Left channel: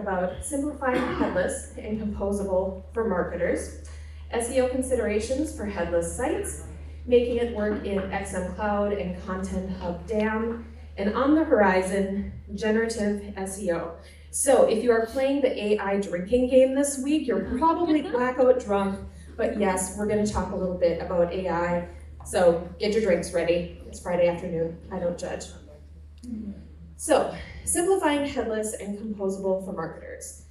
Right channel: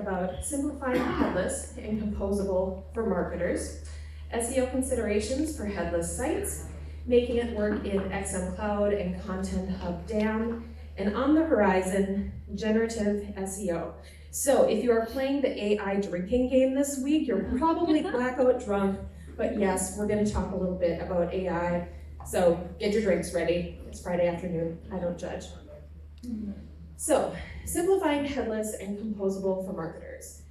about simplifying headless and composable for marketers, SEO considerations for headless sites, making it work in XM Cloud and Content Hub DAM, and on the horizon, generative SEO. So if you are playing the AI drinking game this week, you're probably blackout drunk, but yes, we're gonna talk a little bit about AI. So get your drinks ready. It's Friday afternoon, I don't judge. So, simplifying headless and composable for marketers.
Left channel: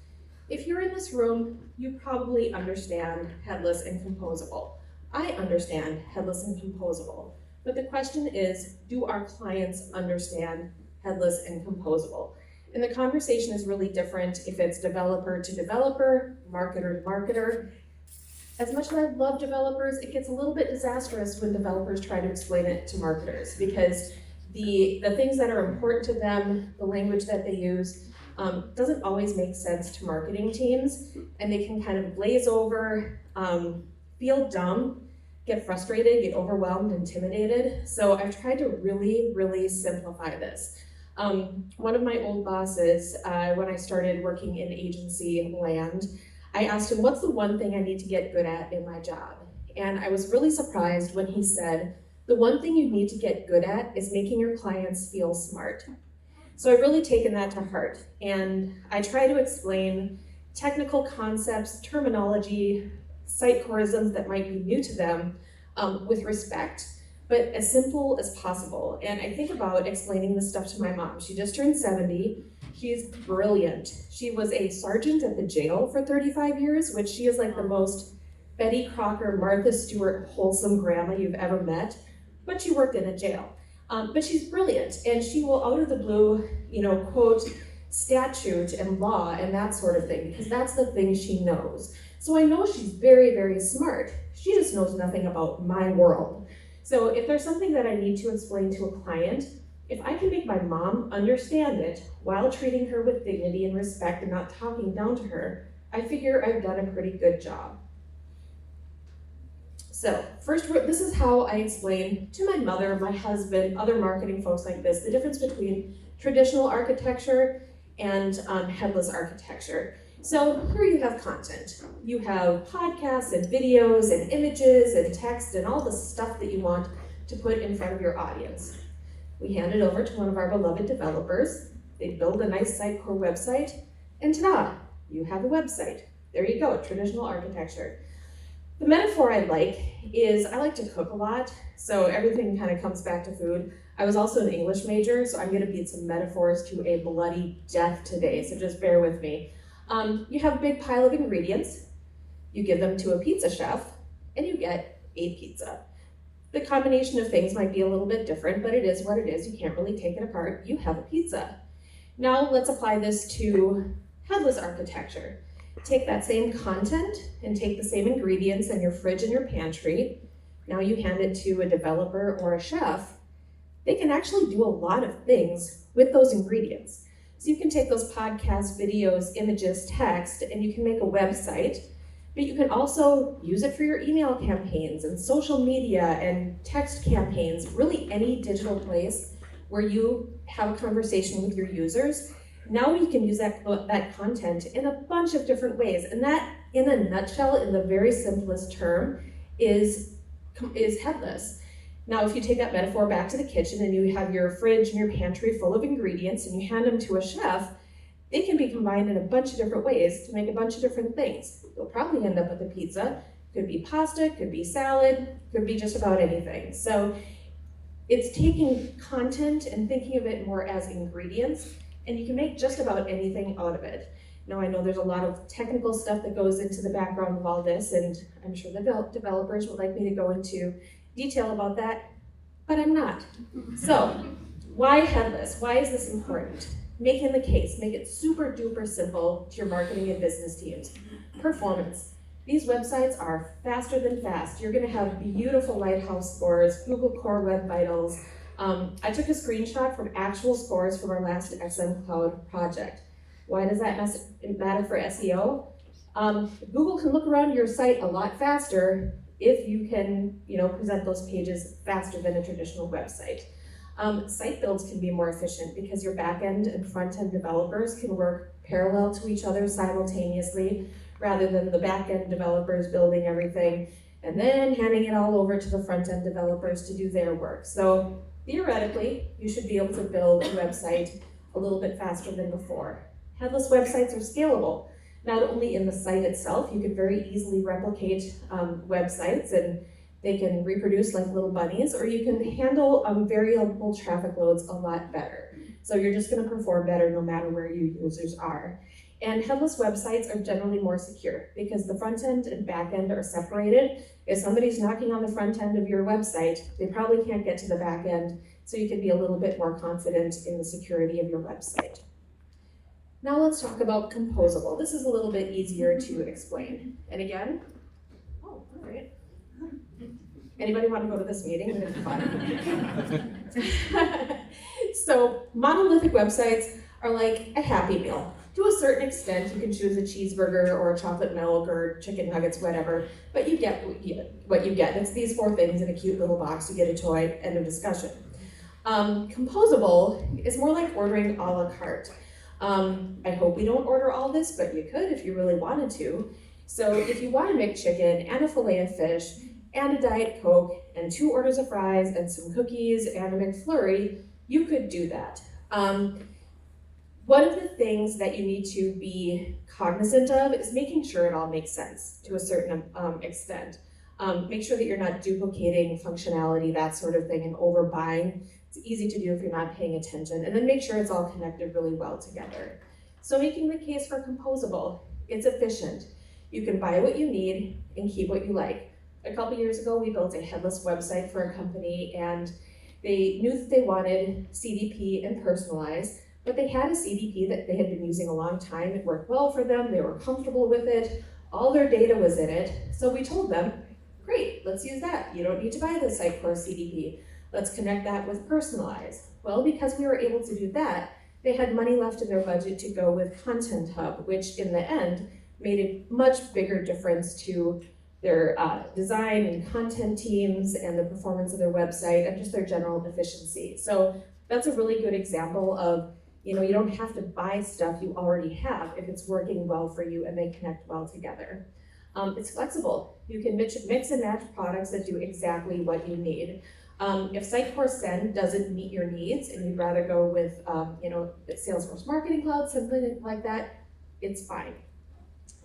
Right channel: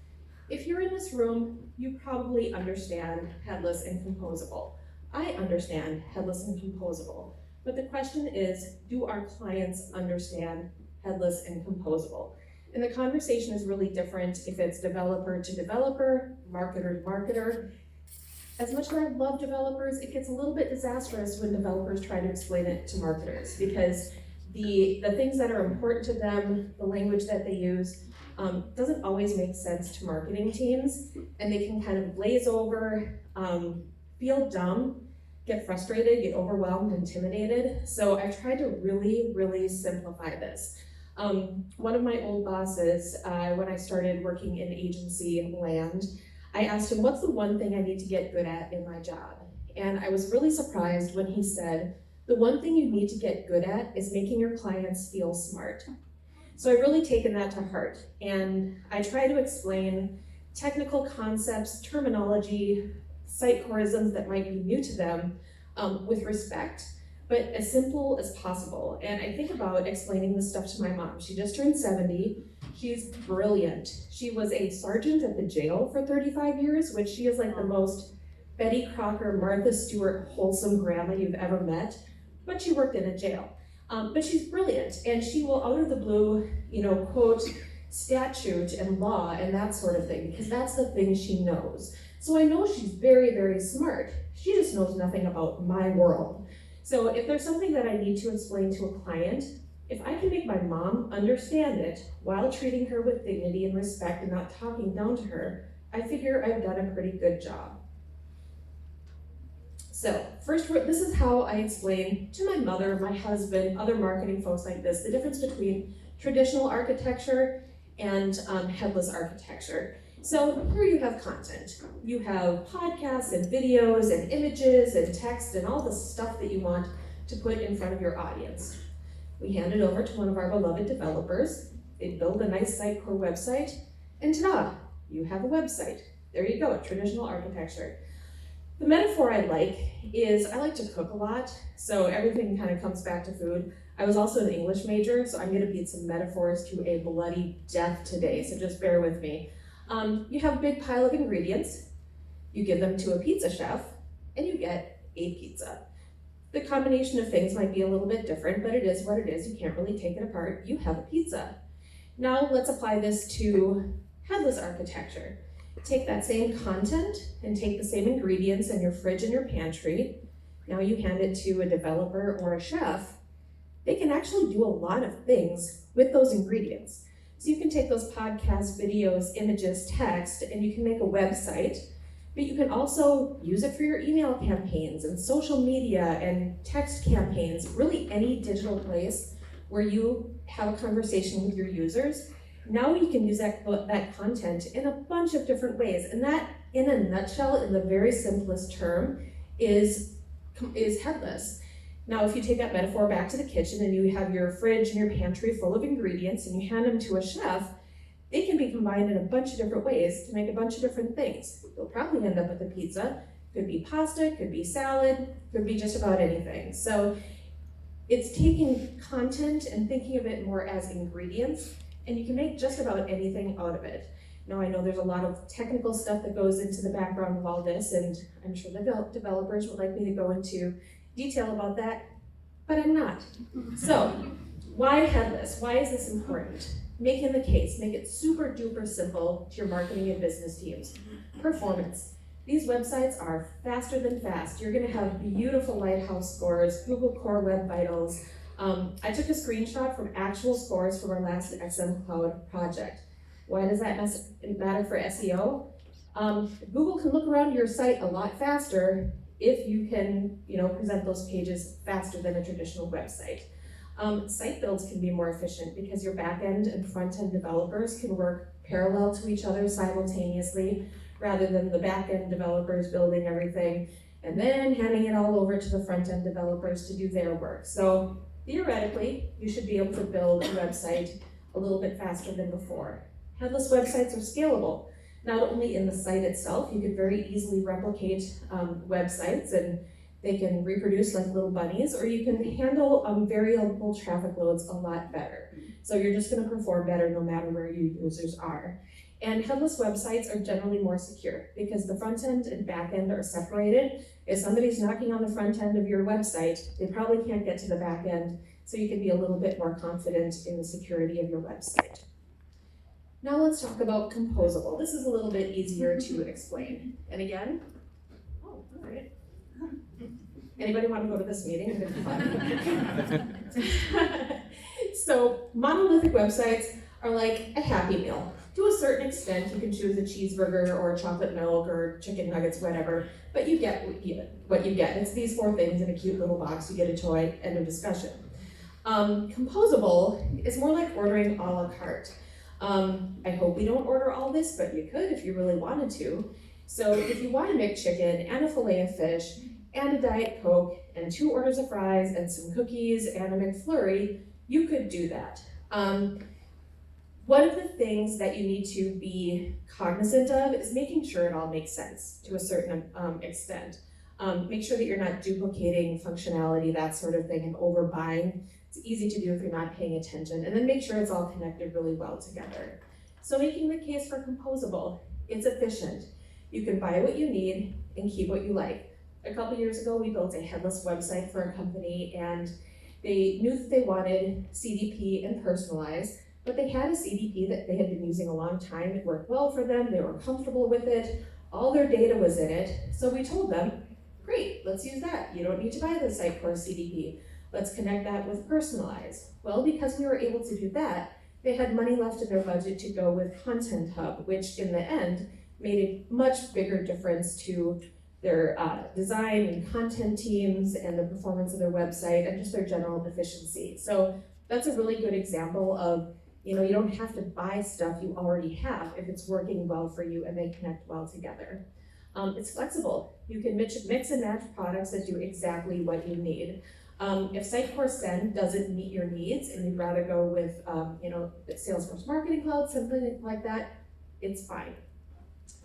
If you're in this room, you probably understand headless and composable. I understand headless and composable, but the question is, do our clients understand headless and composable? And the conversation is really different if it's developer to developer, marketer to marketer. As much as I love developers, it gets a little bit disastrous when developers try to explain it to marketers, because the things that are important to them, the language that they use, doesn't always make sense to marketing teams, and they can kind of glaze over, feel dumb, get frustrated, get overwhelmed, intimidated. So I've tried to really, really simplify this. One of my old bosses, when I started working in agency land, I asked him, what's the one thing I need to get good at in my job? And I was really surprised when he said, the one thing you need to get good at is making your clients feel smart. So I've really taken that to heart, and I try to explain technical concepts, terminology, site chorisms that might be new to them with respect, but as simple as possible. And I think about explaining this stuff to my mom. She just turned 70. She's brilliant. She was a sergeant at the jail for 35 years, which she is like the most Betty Crocker, Martha Stewart, wholesome grandma you've ever met, but she worked in a jail. But she's brilliant, and she will, out of the blue, quote statute and law and that sort of thing, because that's the thing she knows. So I know she's very, very smart. She just knows nothing about my world. So if there's something that I need to explain to a client, if I can make my mom understand it while treating her with dignity and respect and not talking down to her, I figure I've done a pretty good job. So first, this is how I explain to my mother, my husband, other marketing folks like this, the difference between traditional architecture and headless architecture. So here you have content. You have podcasts and videos and images and text and all the stuff that you want to put in front of your audience. We hand it over to one of our beloved developers. They build a nice Sitecore website, and ta-da, you have a website. There you go, traditional architecture. The metaphor I like is I like to cook a lot, so everything kind of comes back to food. I was also an English major, so I'm going to beat some metaphors to a bloody death today, so just bear with me. You have a big pile of ingredients, you give them to a pizza chef, and you get a pizza. The combination of things might be a little bit different, but it is what it is. You can't really take it apart. You have a pizza. Now let's apply this to headless architecture. Take that same content and take the same ingredients in your fridge and your pantry. Now you hand it to a developer or a chef. They can actually do a lot of things with those ingredients. So you can take those podcasts, videos, images, text, and you can make a website, but you can also use it for your email campaigns and social media and text campaigns, really any digital place where you have a conversation with your users. Now you can use that content in a bunch of different ways, and that, in a nutshell, in the very simplest term, is headless. Now, if you take that metaphor back to the kitchen and you have your fridge and your pantry full of ingredients and you hand them to a chef, they can be combined in a bunch of different ways to make a bunch of different things. You'll probably end up with a pizza. Could be pasta, could be salad, could be just about anything. So it's taking content and thinking of it more as ingredients, and you can make just about anything out of it. Now, I know there's a lot of technical stuff that goes into the background of all this, and I'm sure the developers would like me to go into detail about that, but I'm not. So, why headless? Why is this important? Making the case, make it super duper simple to your marketing and business teams. Performance. These websites are faster than fast. You're gonna have beautiful lighthouse scores, Google Core Web Vitals. I took a screenshot from actual scores from our last XM Cloud project. Why does that matter for SEO? Google can look around your site a lot faster if you can, present those pages faster than a traditional website. Site builds can be more efficient because your back-end and front-end developers can work parallel to each other simultaneously, rather than the back-end developers building everything and then handing it all over to the front-end developers to do their work. So theoretically, you should be able to build a website a little bit faster than before. Headless websites are scalable. Not only in the site itself, you could very easily replicate websites and they can reproduce like little bunnies, or you can handle variable traffic loads a lot better. So you're just gonna perform better no matter where your users are. And headless websites are generally more secure because the front end and back end are separated. If somebody's knocking on the front end of your website, they probably can't get to the back end, so you can be a little bit more confident in the security of your website. Now let's talk about Composable. This is a little bit easier to explain. And again, oh, all right. Anybody want to go to this meeting? It's fun. So monolithic websites are like a Happy Meal. To a certain extent, you can choose a cheeseburger or a chocolate milk or chicken nuggets, whatever, but you get what you get. It's these 4 things in a cute little box. You get a toy, end of discussion. Composable is more like ordering a la carte. I hope we don't order all this, but you could if you really wanted to. So if you want a McChicken and a fillet of fish and a Diet Coke and 2 orders of fries and some cookies and a McFlurry, you could do that. One of the things that you need to be cognizant of is making sure it all makes sense to a certain extent. Make sure that you're not duplicating functionality, that sort of thing, and overbuying. It's easy to do if you're not paying attention. And then make sure it's all connected really well together. So making the case for Composable, it's efficient. You can buy what you need and keep what you like. A couple years ago, we built a headless website for a company, and they knew that they wanted CDP and personalized, but they had a CDP that they had been using a long time. It worked well for them. They were comfortable with it. All their data was in it. So we told them, great, let's use that. You don't need to buy the Sitecore CDP. Let's connect that with personalized. Well, because we were able to do that, they had money left in their budget to go with Content Hub, which in the end made a much bigger difference to their design and content teams and the performance of their website and just their general efficiency. So that's a really good example of, you don't have to buy stuff you already have if it's working well for you and they connect well together. It's flexible. You can mix and match products that do exactly what you need. If Sitecore Send doesn't meet your needs and you'd rather go with, Salesforce Marketing Cloud, something like that, it's fine.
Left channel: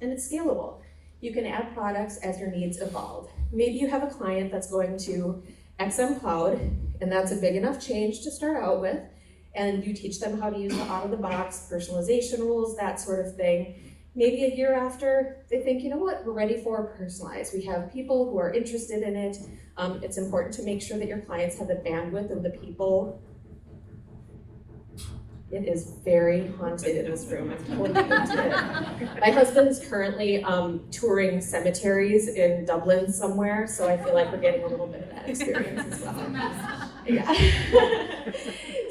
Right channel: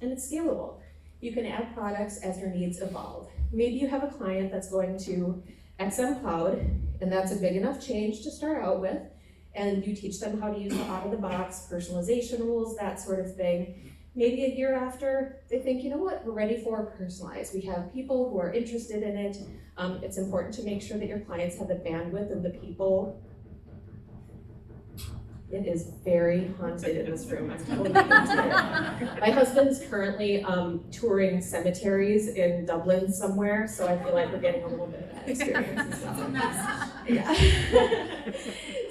And it's scalable. You can add products as your needs evolve. Maybe you have a client that's going to XM Cloud, and that's a big enough change to start out with, and you teach them how to use the out-of-the-box personalization rules, that sort of thing. Maybe a year after, they think, you know what, we're ready for personalized. We have people who are interested in it. It's important to make sure that your clients have the bandwidth and the people. It is very haunted in this room. I'm totally haunted. My husband's currently touring cemeteries in Dublin somewhere, so I feel like we're getting a little bit of that experience as well. Yeah.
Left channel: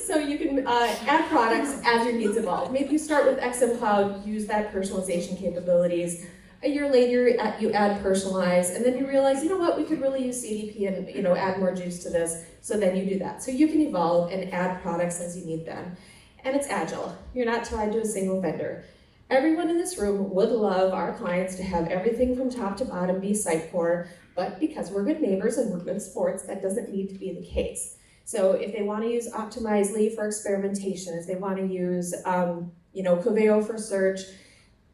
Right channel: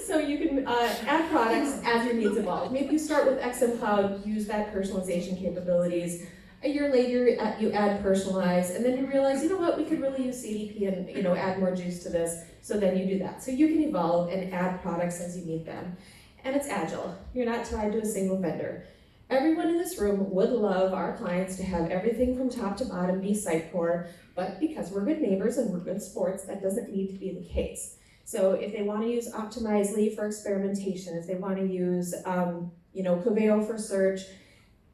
So you can add products as your needs evolve. Maybe you start with XM Cloud, use that personalization capabilities. A year later, you add personalize, and then you realize, you know what, we could really use CDP and add more juice to this. So then you do that. So you can evolve and add products as you need them. And it's agile. You're not tied to a single vendor. Everyone in this room would love our clients to have everything from top to bottom be Sitecore, but because we're good neighbors and we're good sports, that doesn't need to be the case. So if they want to use Optimizely for experimentation, if they want to use Coveo for search,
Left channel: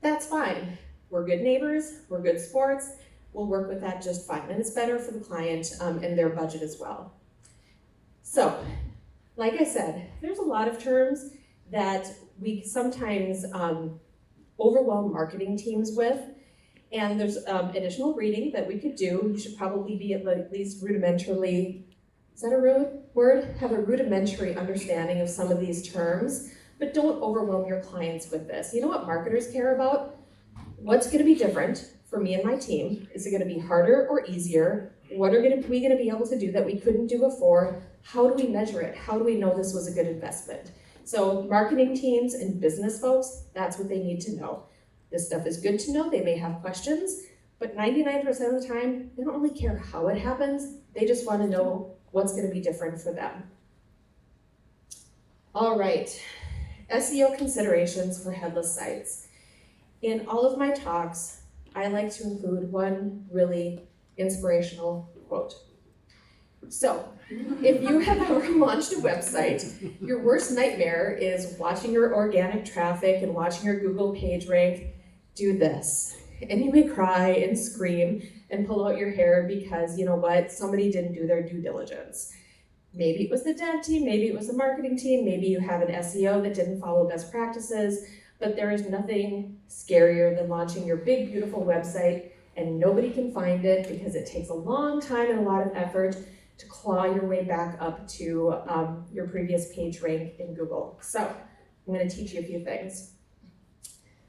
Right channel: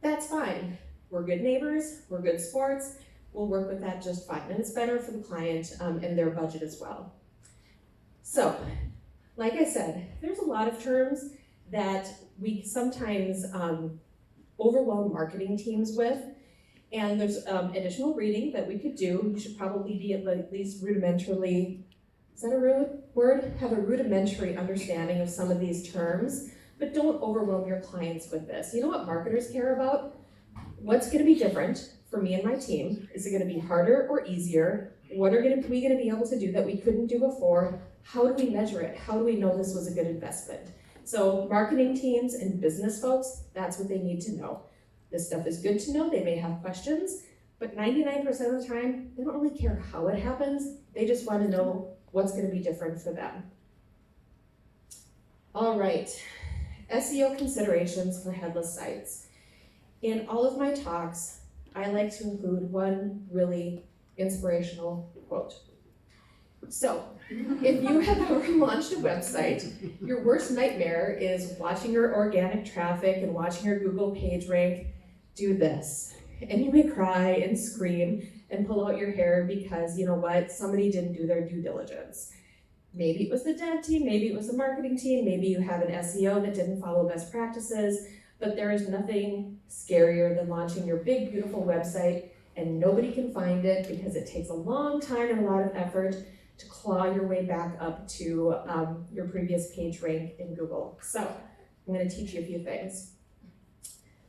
that's fine. We're good neighbors, we're good sports, we'll work with that just fine. And it's better for the client and their budget as well. So, like I said, there's a lot of terms that we sometimes overwhelm marketing teams with, and there's additional reading that we could do. You should probably be at least rudimentarily, is that a rude word? Have a rudimentary understanding of some of these terms, but don't overwhelm your clients with this. You know what marketers care about? What's gonna be different for me and my team? Is it gonna be harder or easier? What are we gonna be able to do that we couldn't do before? How do we measure it? How do we know this was a good investment? So marketing teams and business folks, that's what they need to know. This stuff is good to know. They may have questions, but 99% of the time, they don't really care how it happens. They just want to know what's going to be different for them. All right. SEO considerations for headless sites. In all of my talks, I like to include one really inspirational quote. So, if you have ever launched a website, your worst nightmare is watching your organic traffic and watching your Google page rank do this. And you may cry and scream and pull out your hair because, you know what, somebody didn't do their due diligence. Maybe it was the dev team, maybe it was the marketing team, maybe you have an SEO that didn't follow best practices, but there is nothing scarier than launching your big, beautiful website and nobody can find it because it takes a long time and a lot of effort to claw your way back up to your previous page rank in Google. So I'm going to teach you a few things.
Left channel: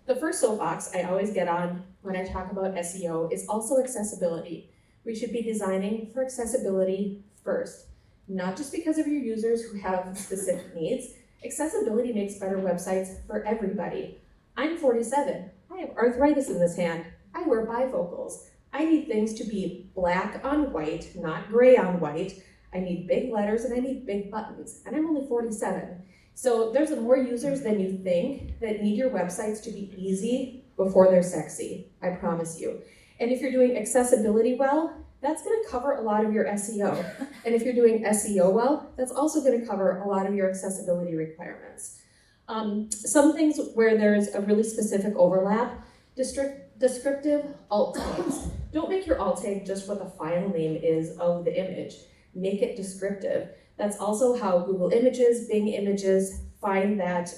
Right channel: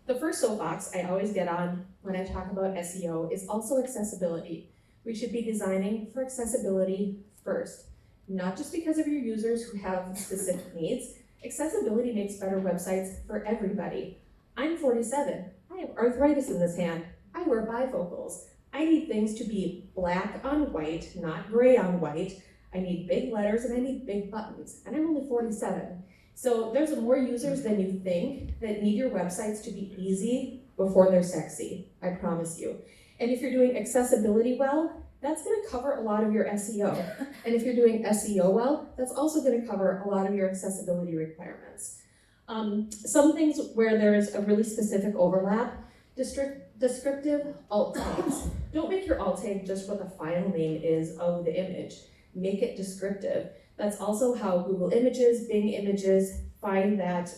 The first soapbox I always get on when I talk about SEO is also accessibility. We should be designing for accessibility first, not just because of your users who have specific needs. Accessibility makes better websites for everybody. I'm 47. I have arthritis in this hand. I wear bifocals. I need things to be black on white, not gray on white. I need big letters and I need big buttons, and I'm only 47. So there's more users than you think that need your websites to be easy before they're sexy, I promise you. And if you're doing accessibility well, that's gonna cover a lot of your SEO. And if you're doing SEO well, that's also gonna cover a lot of your accessibility requirements. Some things where there's a really specific overlap, descriptive alt tags. Don't make your alt tag just what the file name is of the image. Make it descriptive. That's also how Google Images, Bing Images find that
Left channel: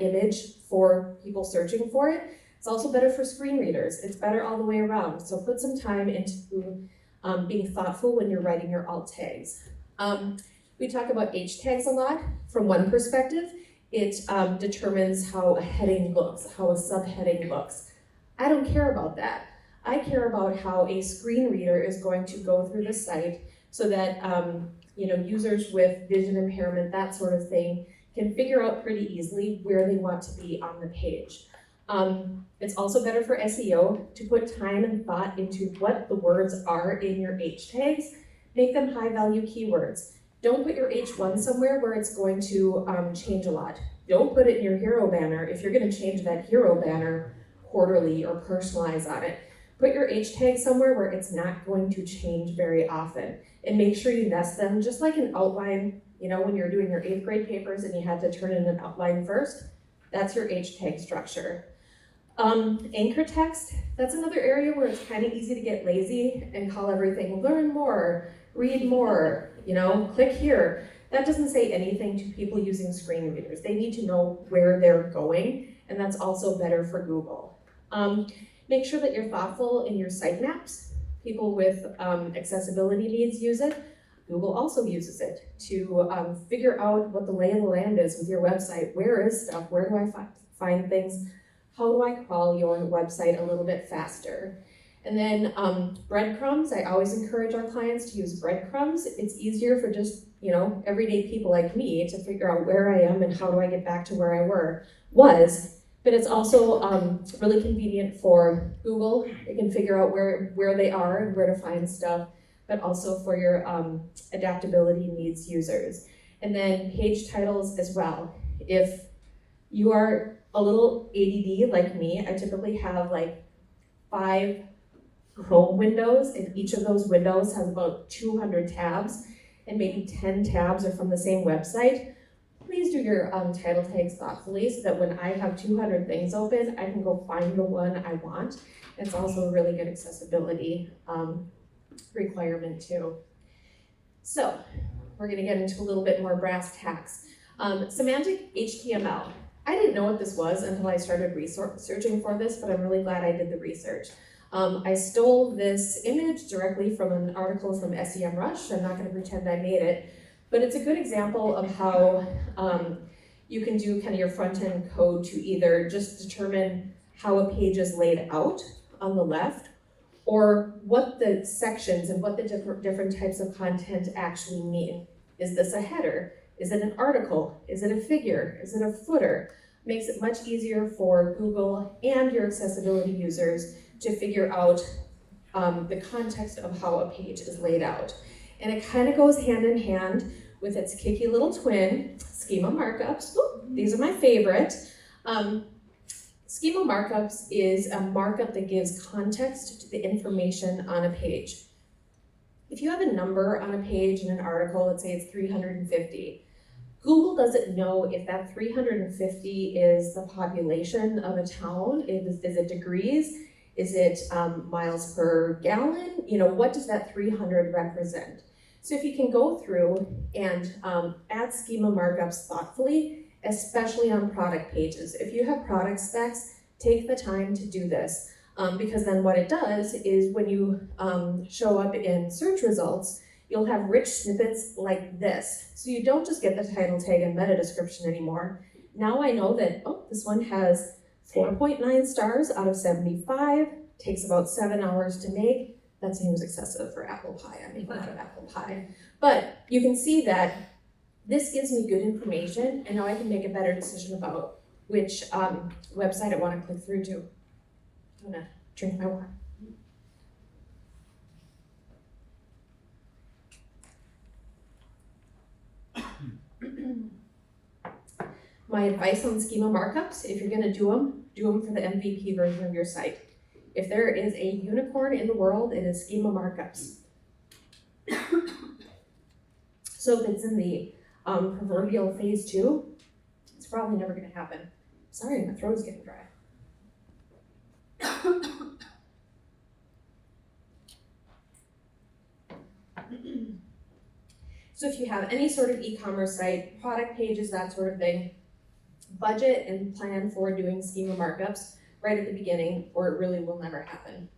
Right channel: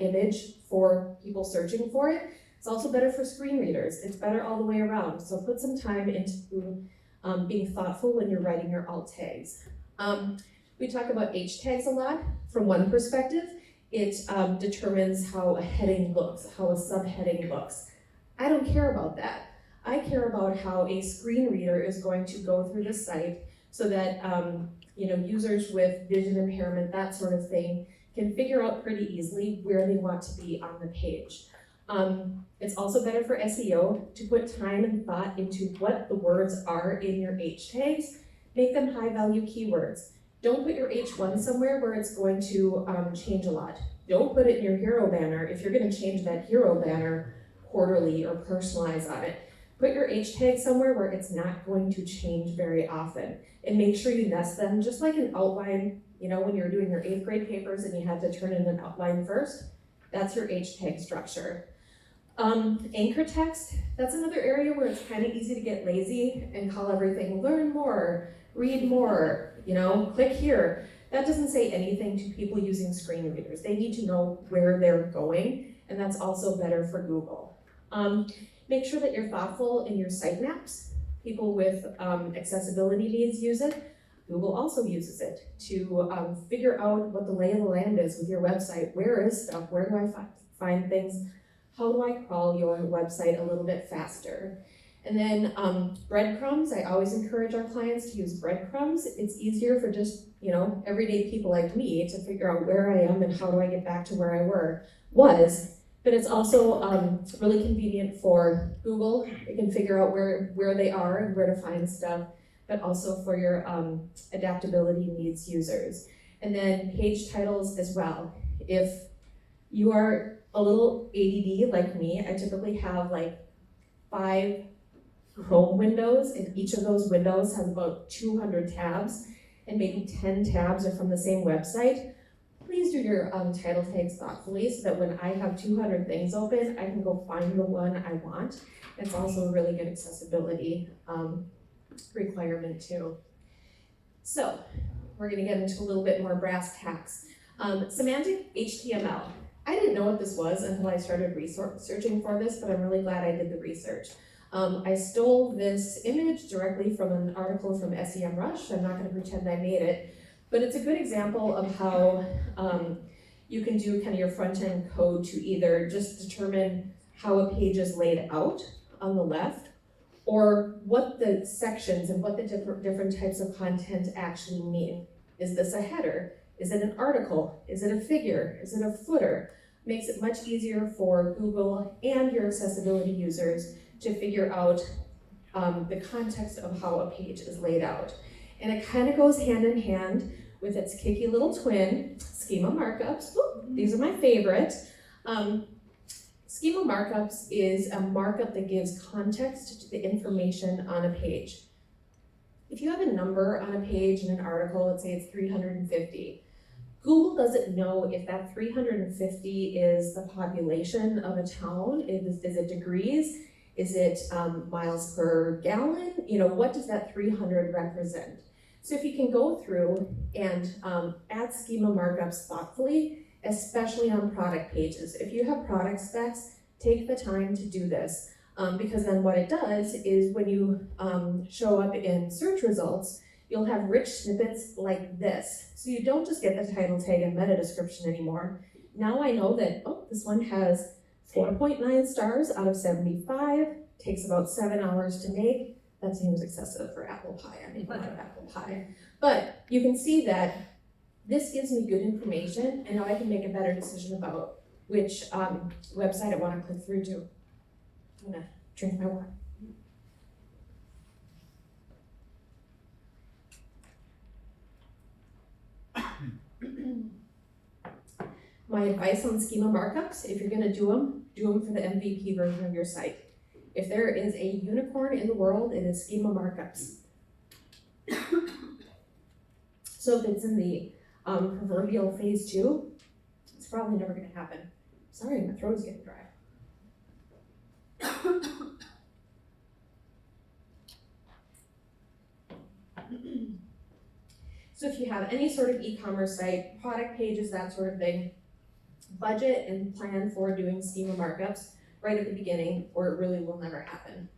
image for people searching for it. It's also better for screen readers. It's better all the way around. So put some time into being thoughtful when you're writing your alt tags. We talk about H tags a lot. From one perspective, it determines how a heading looks, how a subheading looks. I don't care about that. I care about how a screen reader is going to go through the site so that users with vision impairment, that sort of thing, can figure out pretty easily where they want to be on the page. It's also better for SEO to put time and thought into what the words are in your H tags. Make them high value keywords. Don't put your H1 somewhere where it's going to change a lot. Don't put it in your hero banner if you're going to change that hero banner quarterly or personalize on it. Put your H tag somewhere where it's not going to change very often, and make sure you nest them just like an outline. When you're doing your 8th grade papers and you had to turn in an outline first, that's your H tag structure. Anchor text, that's another area where it's kind of easy to get lazy and call everything learn more, read more, click here. That doesn't say anything to people using screen readers. They need to know where they're going, and that's also better for Google. Make sure that you're thoughtful in your sitemaps. People with accessibility needs use it. Google also uses it to figure out what the lay of the land is with your website. Where is stuff? Where do I find things? How do I crawl your website a little bit faster? And then breadcrumbs. I always encourage our clients to use breadcrumbs. It's easier for just everyday people like me to figure out where I am and how do I get back to where I was. But it's also really convenient for Google. It can figure out where they are and where to find stuff, but also for your adaptability needs users. And then page titles as well. If you are a little ADD like me, I typically have like 5 Chrome windows, and each of those windows has about 200 tabs, and maybe 10 tabs are from the same website. Please do your title tags thoughtfully so that when I have 200 things open, I can go find the one I want. It's also a really good accessibility requirement too. So we're gonna get into a little bit more brass tacks. Semantic HTML. I didn't know what this was until I started researching for this, but I'm really glad I did the research. I stole this image directly from an article from SEMrush. I'm not gonna pretend I made it. But it's a good example of how you can do kind of your front-end code to either just determine how a page is laid out on the left, or what the sections and what the different types of content actually mean. Is this a header? Is it an article? Is it a figure? Is it a footer? Makes it much easier for Google and your accessibility users to figure out the context of how a page is laid out. And it kind of goes hand in hand with its kicky little twin, schema markups. Ooh, these are my favorite. Schema markups is a markup that gives context to the information on a page. If you have a number on a page in an article, let's say it's 350, Google doesn't know if that 350 is the population of a town. Is it degrees? Is it miles per gallon? You know, what does that 300 represent? So if you can go through and add schema markups thoughtfully, especially on product pages. If you have product specs, take the time to do this. Because then what it does is when you show up in search results, you'll have rich snippets like this. So you don't just get the title tag and meta description anymore. Now I know that, oh, this one has 4.9 stars out of 75, takes about 7 hours to make. That seems excessive for apple pie. I make a lot of apple pie. But you can see that this gives me good information, and now I can make a better decision about which website I want to click through to. I'm gonna drink my water. My advice on schema markups, if you're gonna do them for the MVP version of your site. If there is a unicorn in the world, it is schema markups. So if it's in the proverbial phase 2, it's probably never gonna happen. Sorry, my throat is getting dry. So if you have any sort of e-commerce site, product pages, that sort of thing, budget and plan for doing schema markups right at the beginning, or it really will never happen.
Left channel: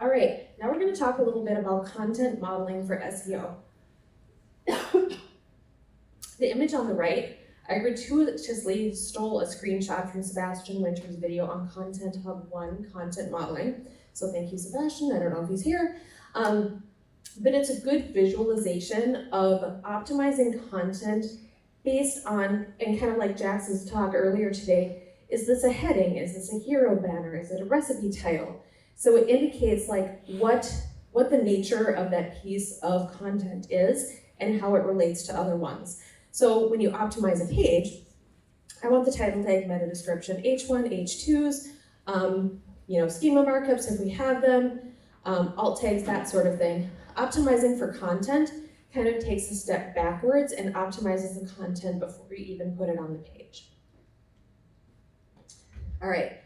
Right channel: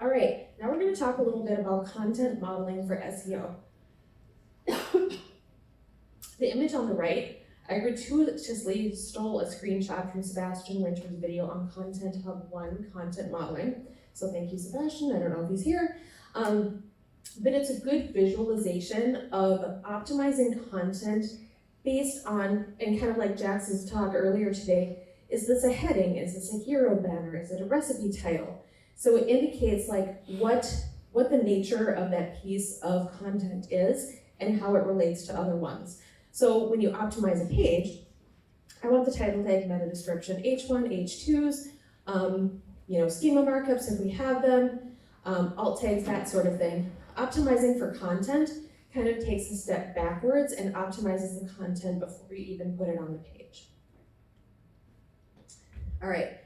All right, now we're going to talk a little bit about content modeling for SEO. The image on the right, I gratuitously stole a screenshot from Sebastian Winter's video on Content Hub 1 content modeling. So thank you, Sebastian. I don't know if he's here. But it's a good visualization of optimizing content based on, and kind of like Jackson's talk earlier today, is this a heading? Is this a hero banner? Is it a recipe title? So it indicates like what the nature of that piece of content is and how it relates to other ones. So when you optimize a page, I want the title tag, meta description, H1, H2s, schema markups if we have them, alt tags, that sort of thing. Optimizing for content kind of takes a step backwards and optimizes the content before you even put it on the page. All right,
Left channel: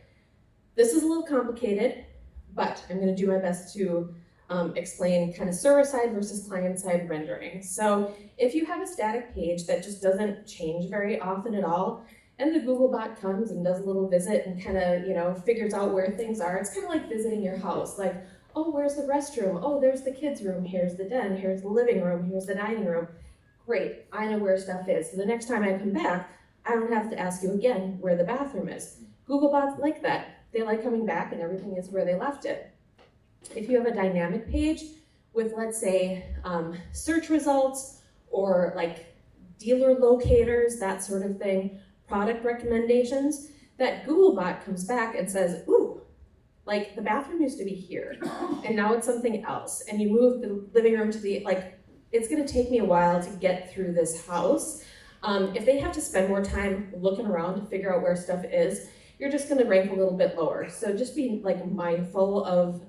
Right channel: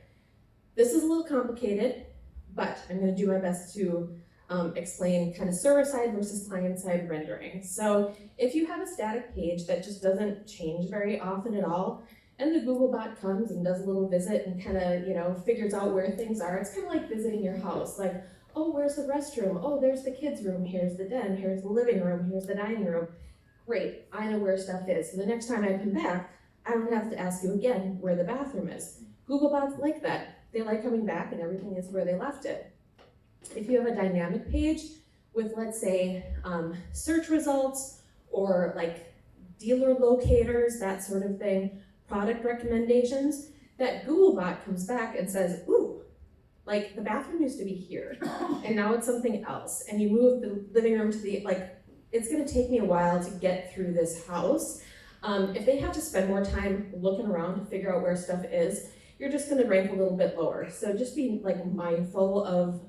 this is a little complicated, but I'm going to do my best to explain kind of server-side versus client-side rendering. So if you have a static page that just doesn't change very often at all, and the Googlebot comes and does a little visit and kind of, figures out where things are, it's kind of like visiting your house. Like, oh, where's the restroom? Oh, there's the kids' room. Here's the den. Here's the living room. Here's the dining room. Great, I know where stuff is. So the next time I come back, I don't have to ask you again where the bathroom is. Googlebots like that. They like coming back and everything is where they left it. If you have a dynamic page with, let's say, search results or like dealer locators, that sort of thing, product recommendations, that Googlebot comes back and says, ooh, like the bathroom used to be here and now it's something else. And you move the living room to the, it's gonna take me a while to get through this house. If they have to spend more time looking around to figure out where stuff is, you're just gonna rank a little bit lower. So just be mindful of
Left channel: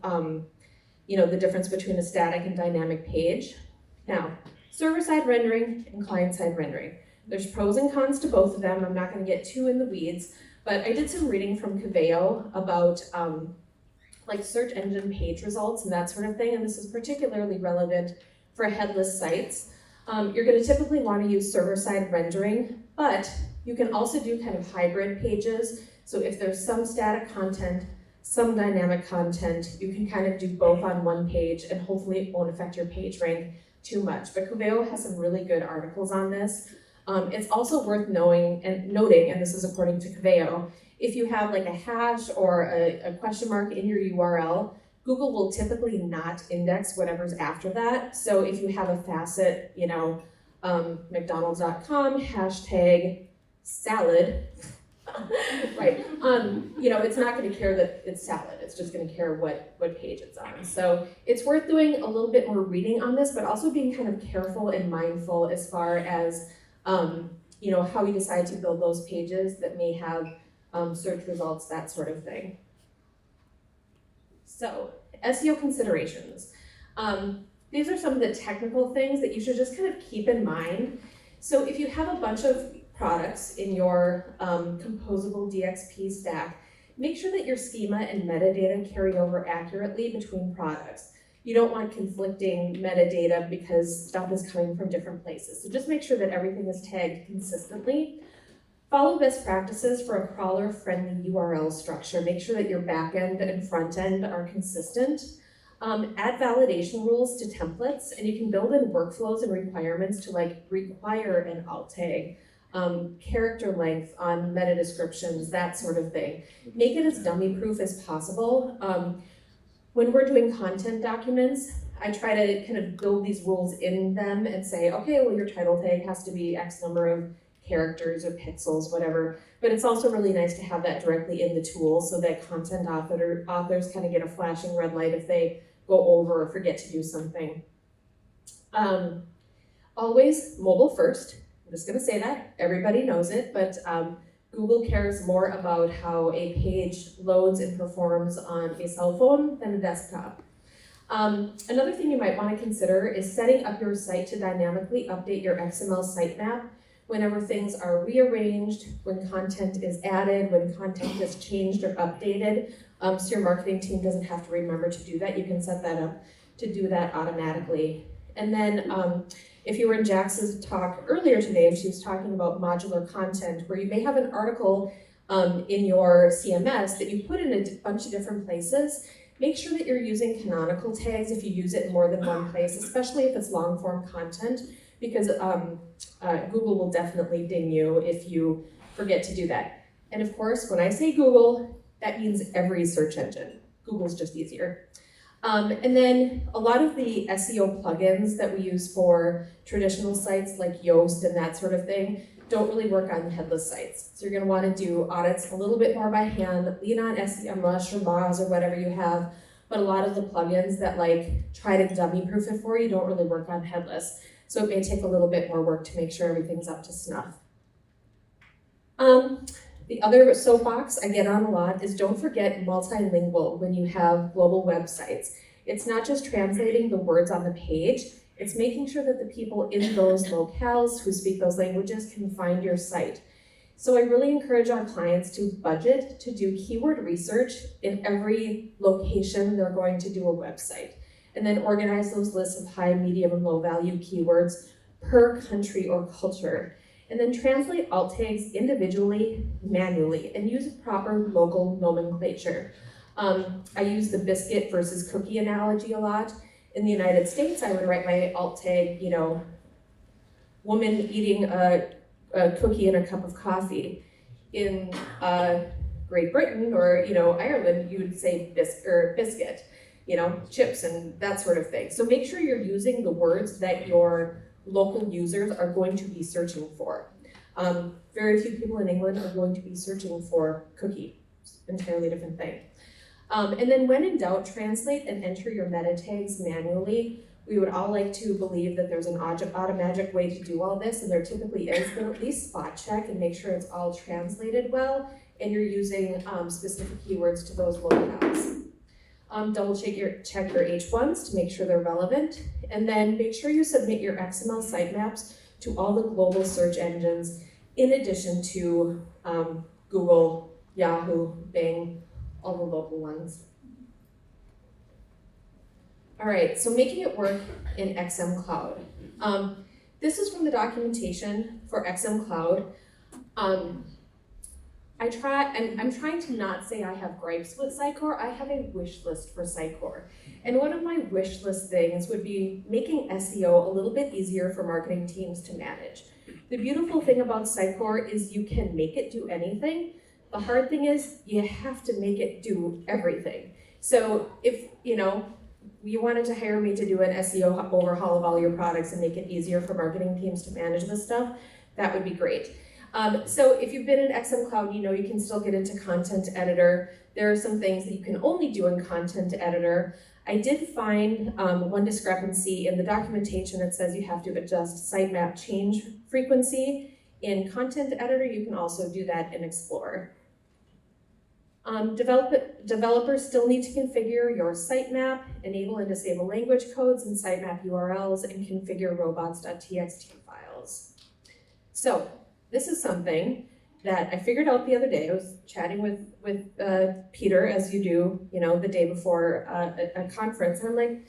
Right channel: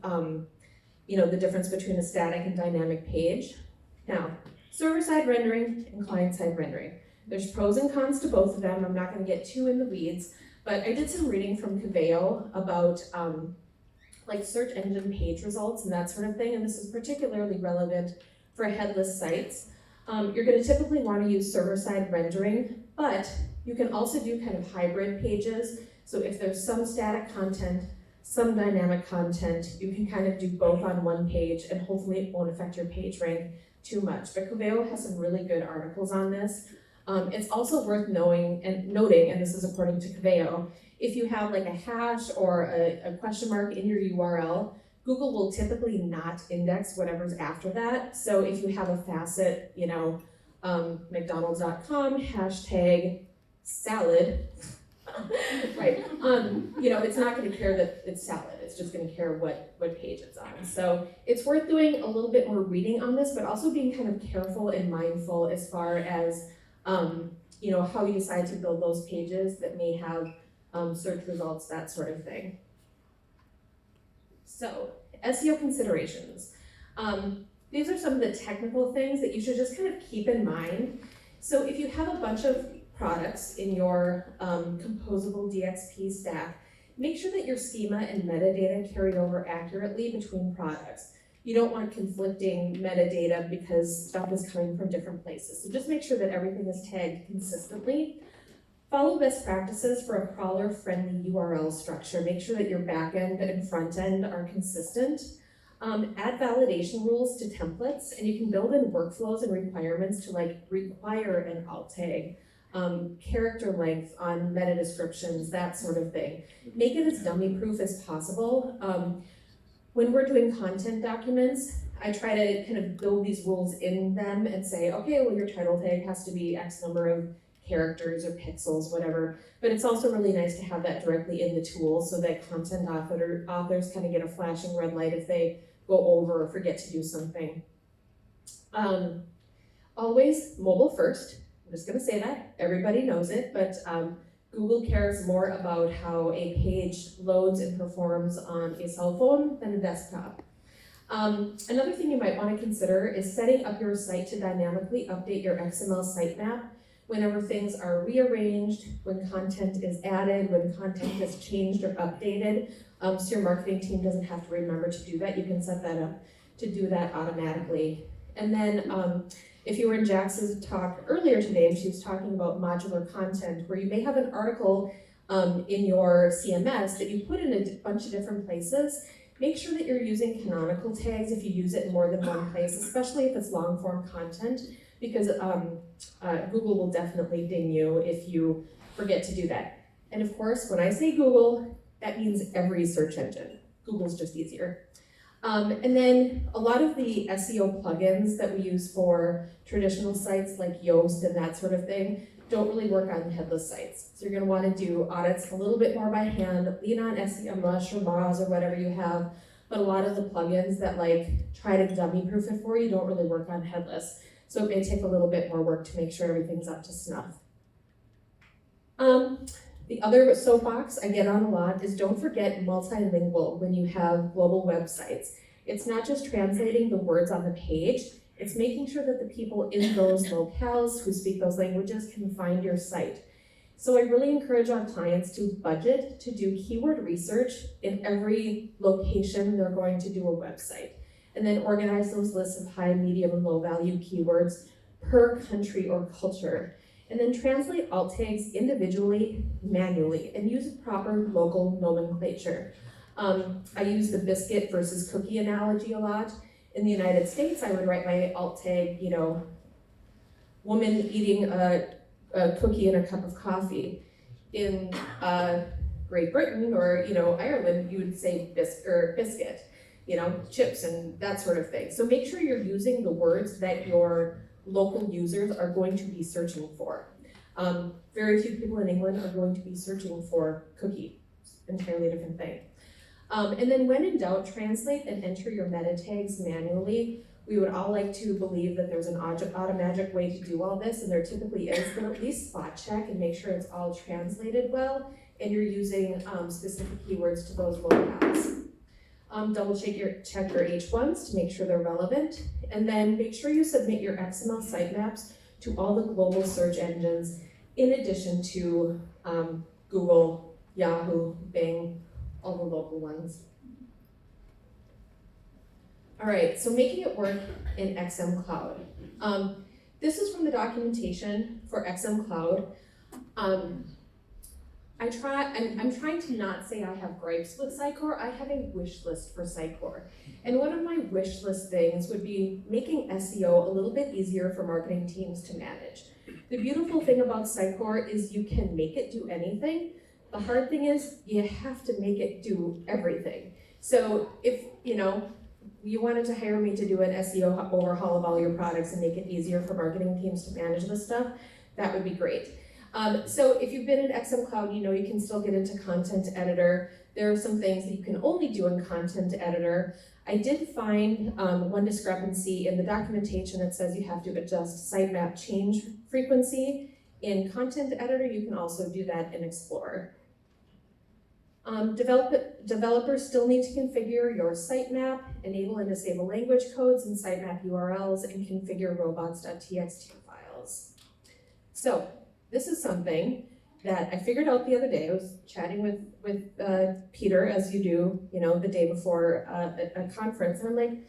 the difference between a static and dynamic page. Now, server-side rendering and client-side rendering. There's pros and cons to both of them. I'm not gonna get too in the weeds, but I did some reading from Coveo about search engine page results and that sort of thing, and this is particularly relevant for headless sites. You're gonna typically wanna use server-side rendering, but you can also do kind of hybrid pages. So if there's some static content, some dynamic content, you can kind of do both on one page and hopefully it won't affect your page rank too much. But Coveo has some really good articles on this. It's also worth noting, and this is according to Coveo, if you have like a hash or a question mark in your URL, Google will typically not index whatever's after that. So if you have a facet, McDonald's.com, hashtag salad, Right. It's not going to care that it's salad. It's just going to care what page it's on. So it's worth doing a little bit more reading on this, but also being kind of careful and mindful as far as how you decide to build those pages that may have search results, that sort of thing. So SEO considerations. These are some of the technical things that you should just kind of keep in mind. So if you have a bunch of products in your Composable DXP stack, make sure that your schema and metadata carry over accurately between products. You don't want conflicting metadata because stuff is coming from different places. So just make sure that everything is tagged consistently. Follow best practices for a crawler-friendly URL structure. Make sure that your backend and front end are consistent. Add validation rules to templates, and you can build in workflows and requirements to require an alt tag, character length on meta descriptions, that sort of thing. Make it as dummy-proof as possible. When we're doing content documents, I try to kind of build these rules in them and say, okay, well, your title tag has to be X number of characters or pixels, whatever. But it's also really nice to have that directly in the tool so that content authors kind of get a flashing red light if they go over or forget to do something. Always mobile first. I'm just going to say that. Everybody knows it, but Google cares more about how a page loads and performs on a cell phone than a desktop. Another thing you might want to consider is setting up your site to dynamically update your XML sitemap whenever things are rearranged, when content is added, when content is changed or updated, so your marketing team doesn't have to remember to do that. You can set that up to do that automatically. And then if you were in Jax's talk earlier today, she was talking about modular content, where you may have an article in your CMS that you put in a bunch of different places. Make sure that you're using canonical tags if you use it in more than one place, especially if it's long form content, because Google will definitely ding you if you forget to do that. And of course, when I say Google, that means every search engine. Google's just easier. And then a lot of the SEO plugins that we use for traditional sites like Yoast and that sort of thing don't really work on headless sites. So you're going to want to do audits a little bit more by hand, lean on SEMrush or Moz or whatever you have, but a lot of the plugins that try to dummy proof it for you don't really work on headless. So it may take a little bit more work to make sure everything's up to snuff. The other soapbox I get on a lot is don't forget multilingual when you have global websites. It's not just translating the words on the page, it's making sure that the people in those locales who speak those languages can find your site. So I really encourage our clients to budget to do keyword research in every location they're going to do a website, and then organize those lists of high, medium, and low value keywords per country or culture. And then translate alt tags individually, manually, and use proper local nomenclature. I use the biscuit versus cookie analogy a lot. In the United States, I would write my alt tag, woman eating a cookie and a cup of coffee. In Great Britain or Ireland, you would say biscuit, chips and that sort of thing. So make sure you're using the words that your local users are going to be searching for. Very few people in England are going to be searching for cookie. It's an entirely different thing. And then when in doubt, translate and enter your meta tags manually. We would all like to believe that there's an automatic way to do all this, and there typically is, but at least spot check and make sure it's all translated well, and you're using specific keywords to those locales. Double check your H1s to make sure they're relevant, and then make sure you submit your XML sitemaps to all the global search engines, in addition to Google, Yahoo, Bing, all the local ones. All right, so making it work in XM Cloud. This is from the documentation for XM Cloud. I'm trying to not say I have gripes with Sitecore. I have a wish list for Sitecore. And one of my wish list things would be making SEO a little bit easier for marketing teams to manage. The beautiful thing about Sitecore is you can make it do anything. The hard thing is you have to make it do everything. So if you wanted to hire me to do an SEO overhaul of all your products and make it easier for marketing teams to manage this stuff, that would be great. So if you've been in XM Cloud, you know you can still get into Content Editor. There are some things that you can only do in Content Editor. I did find one discrepancy in the documentation. It says you have to adjust sitemap change frequency. In Content Editor, you can also do that in Explorer. Developers still need to configure your sitemap, enable and disable language codes and sitemap URLs, and configure robots.txt files. So this is something that I figured out the other day. I was chatting with Peter, as you do, the day before a conference, and I'm like,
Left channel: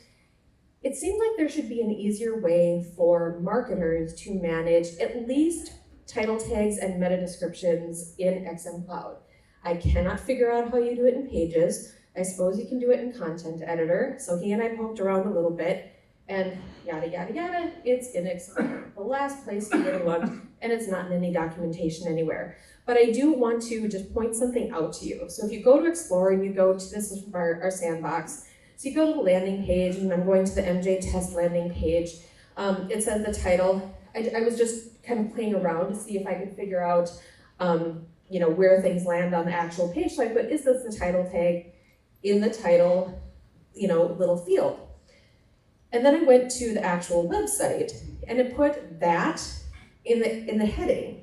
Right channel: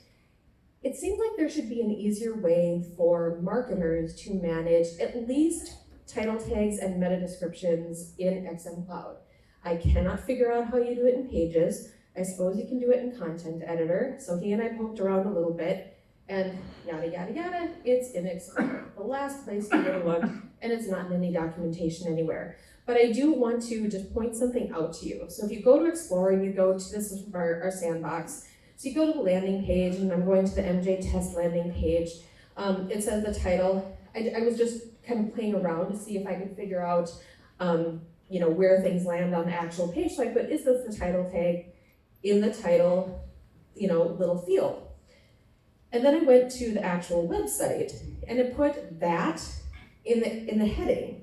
it seems like there should be an easier way for marketers to manage at least title tags and meta descriptions in XM Cloud. I cannot figure out how you do it in Pages. I suppose you can do it in Content Editor. So he and I poked around a little bit, and yada, yada, yada, it's in Explorer, the last place you would have looked, and it's not in any documentation anywhere. But I do want to just point something out to you. So if you go to Explorer and you go to, this is our sandbox, so you go to the landing page, and I'm going to the MJ test landing page. It says the title. I was just kind of playing around to see if I could figure out where things land on the actual page. So I put, is this the title tag in the title, little field? And then I went to the actual website and it put that in the heading.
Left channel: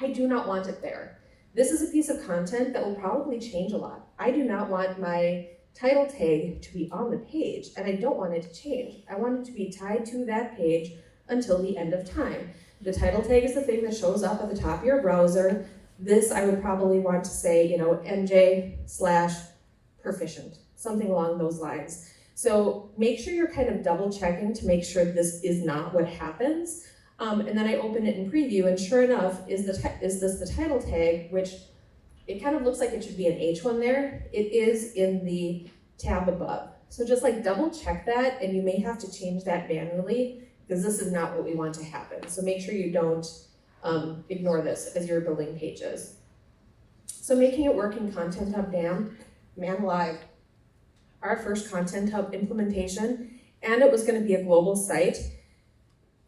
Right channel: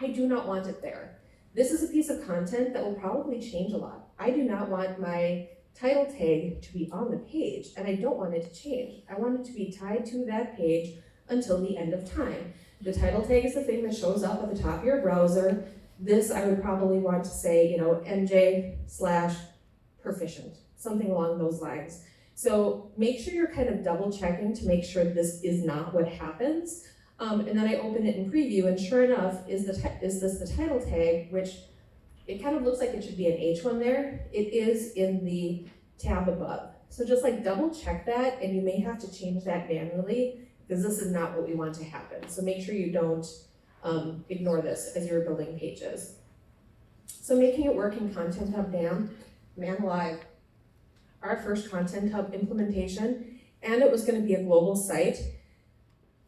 I do not want it there. This is a piece of content that will probably change a lot. I do not want my title tag to be on the page, and I don't want it to change. I want it to be tied to that page until the end of time. The title tag is the thing that shows up at the top of your browser. This I would probably want to say, MJ/proficient, something along those lines. So make sure you're kind of double checking to make sure this is not what happens. And then I open it in preview, and sure enough, is this the title tag, which it kind of looks like it should be an H1 there. It is in the tab above. So just double check that, and you may have to change that manually, because this is not what we want to happen. So make sure you don't ignore this as you're building pages. So making it work in Content Hub, man alive. Our first Content Hub implementation, and it was going to be a global site.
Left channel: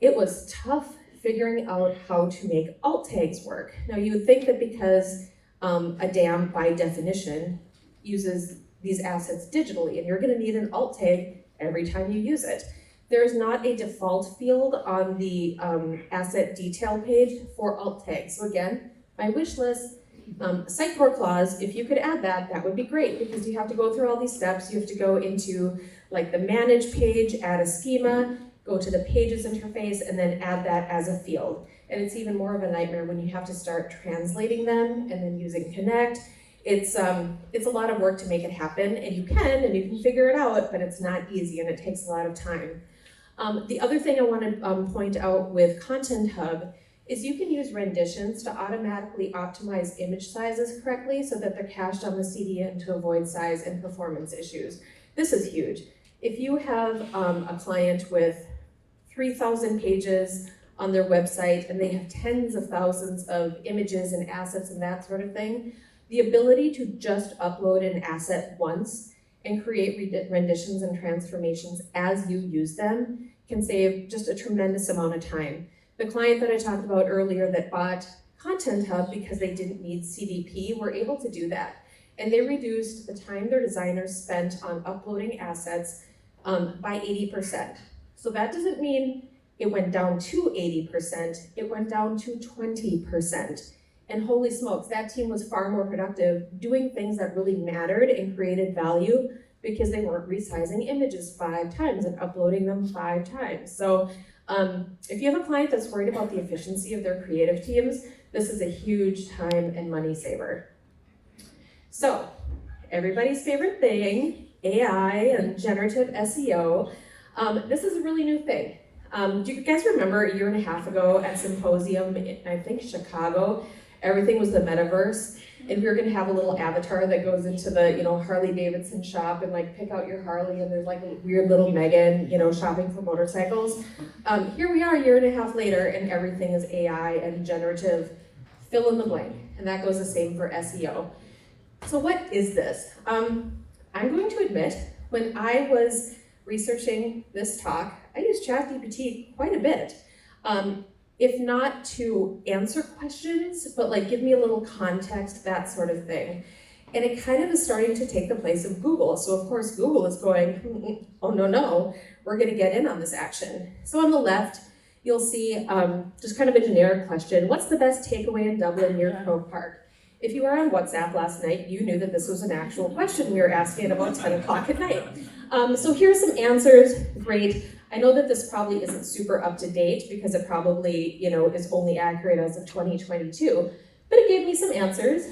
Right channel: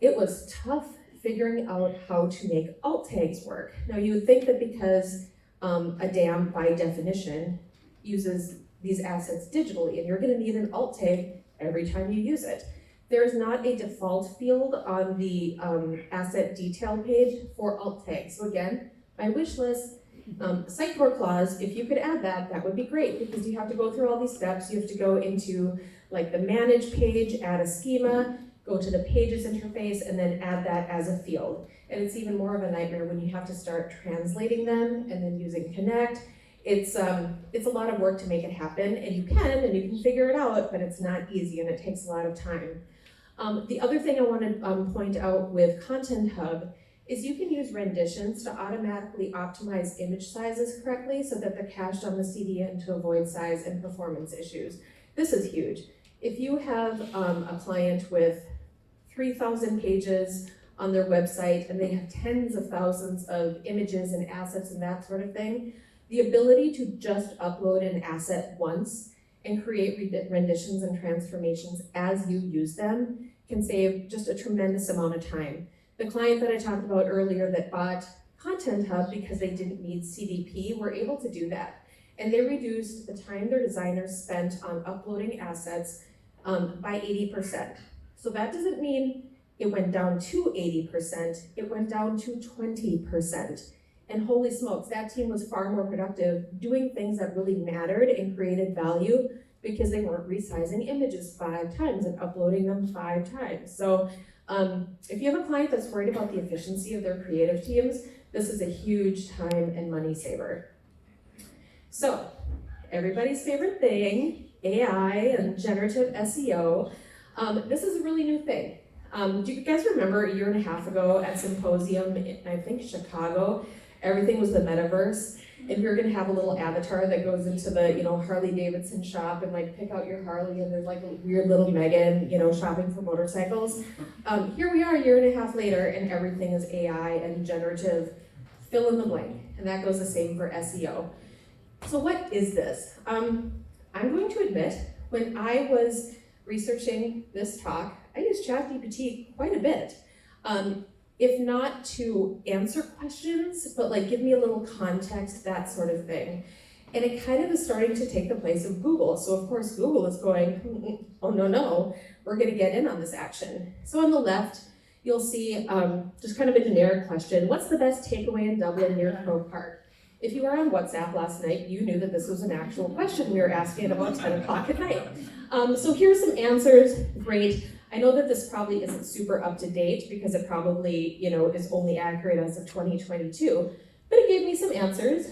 It was tough figuring out how to make alt tags work. Now you would think that because a DAM by definition uses these assets digitally, and you're going to need an alt tag every time you use it. There is not a default field on the asset detail page for alt tags. So again, my wish list, Sitecore clause, if you could add that, that would be great, because you have to go through all these steps. You have to go into the manage page, add a schema, go to the pages interface, and then add that as a field. And it's even more of a nightmare when you have to start translating them and then using connect. It's a lot of work to make it happen, and you can figure it out, but it's not easy and it takes a lot of time. The other thing I want to point out with Content Hub is you can use renditions to automatically optimize image sizes correctly so that they're cached on the CDN to avoid size and performance issues. This is huge. If you have a client with 3,000 pages on their website and they have tens of thousands of images and assets and that sort of thing, the ability to just upload an asset once and create renditions and transformations as you use them can save just a tremendous amount of time. The client that I talked about earlier that bought Content Hub because they didn't need CDP were able to do that. And they reduced the time their designers spent on uploading assets by 80%. So that doesn't mean it went down to 80%, it went down to 20%. And holy smokes, that team was far more productive doing things that really mattered and created value because they weren't resizing images 5 times and uploading them 5 times. So if you have a client that's worried about the efficiency of their creative teams, this is a huge time and money saver. So everybody's favorite thing, AI and generative SEO. This is a really new thing. Do you guys remember a year and a half ago at Symposium in, I think, Chicago, everything was the metaverse, and we were gonna have a little avatar that goes into the, Harley Davidson shop and pick out your Harley, and there's a weird little Megan, shopping for motorcycles. Here we are a year and a half later, and everything is AI and generative, fill in the blank, and that goes the same for SEO. So what is this? I'm going to admit, when I was researching this talk, I used ChatGPT quite a bit. if not to answer questions, but like give me a little context, that sort of thing. And it kind of is starting to take the place of Google. So of course Google is going, oh no, we're gonna get in on this action. So on the left, you'll see just kind of a generic question. What's the best takeaway in Dublin near Croke Park? If you were on WhatsApp last night, you knew that this was an actual question we were asking at about 10 o'clock at night. So here's some answers, great. I know that this probably isn't super up to date because it probably, is only accurate as of 2022, but it gave me some answers.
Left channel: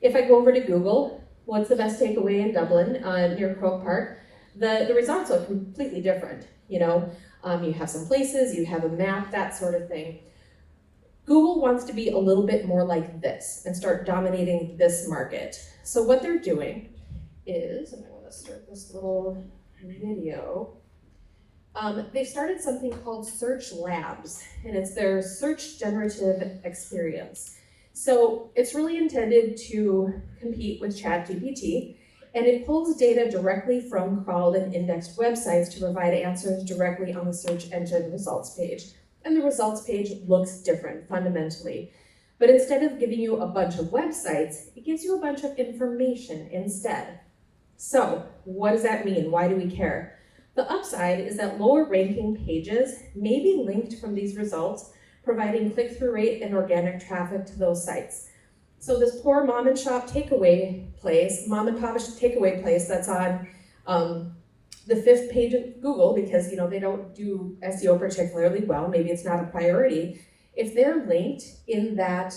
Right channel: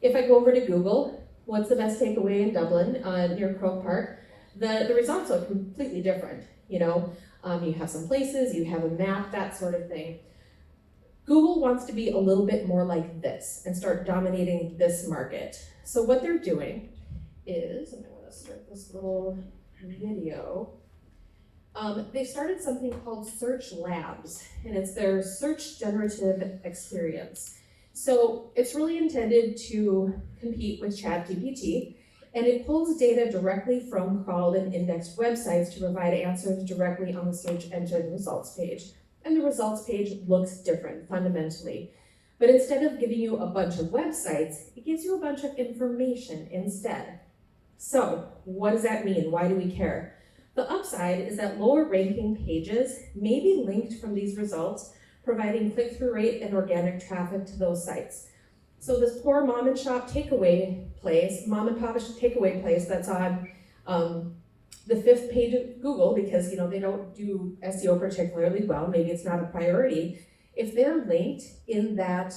If I go over to Google, what's the best takeaway in Dublin near Croke Park? The results are completely different. You have some places, you have a map, that sort of thing. Google wants to be a little bit more like this and start dominating this market. So what they're doing is, I'm going to start this little video. They've started something called Search Labs, and it's their search generative experience. So it's really intended to compete with ChatGPT, and it pulls data directly from crawled and indexed websites to provide answers directly on the search engine results page. And the results page looks different fundamentally. But instead of giving you a bunch of websites, it gives you a bunch of information instead. So what does that mean? Why do we care? The upside is that lower ranking pages may be linked from these results, providing click-through rate and organic traffic to those sites. So this poor mom and pop takeaway place that's on the 5th page of Google, because they don't do SEO particularly well, maybe it's not a priority. If they're linked in that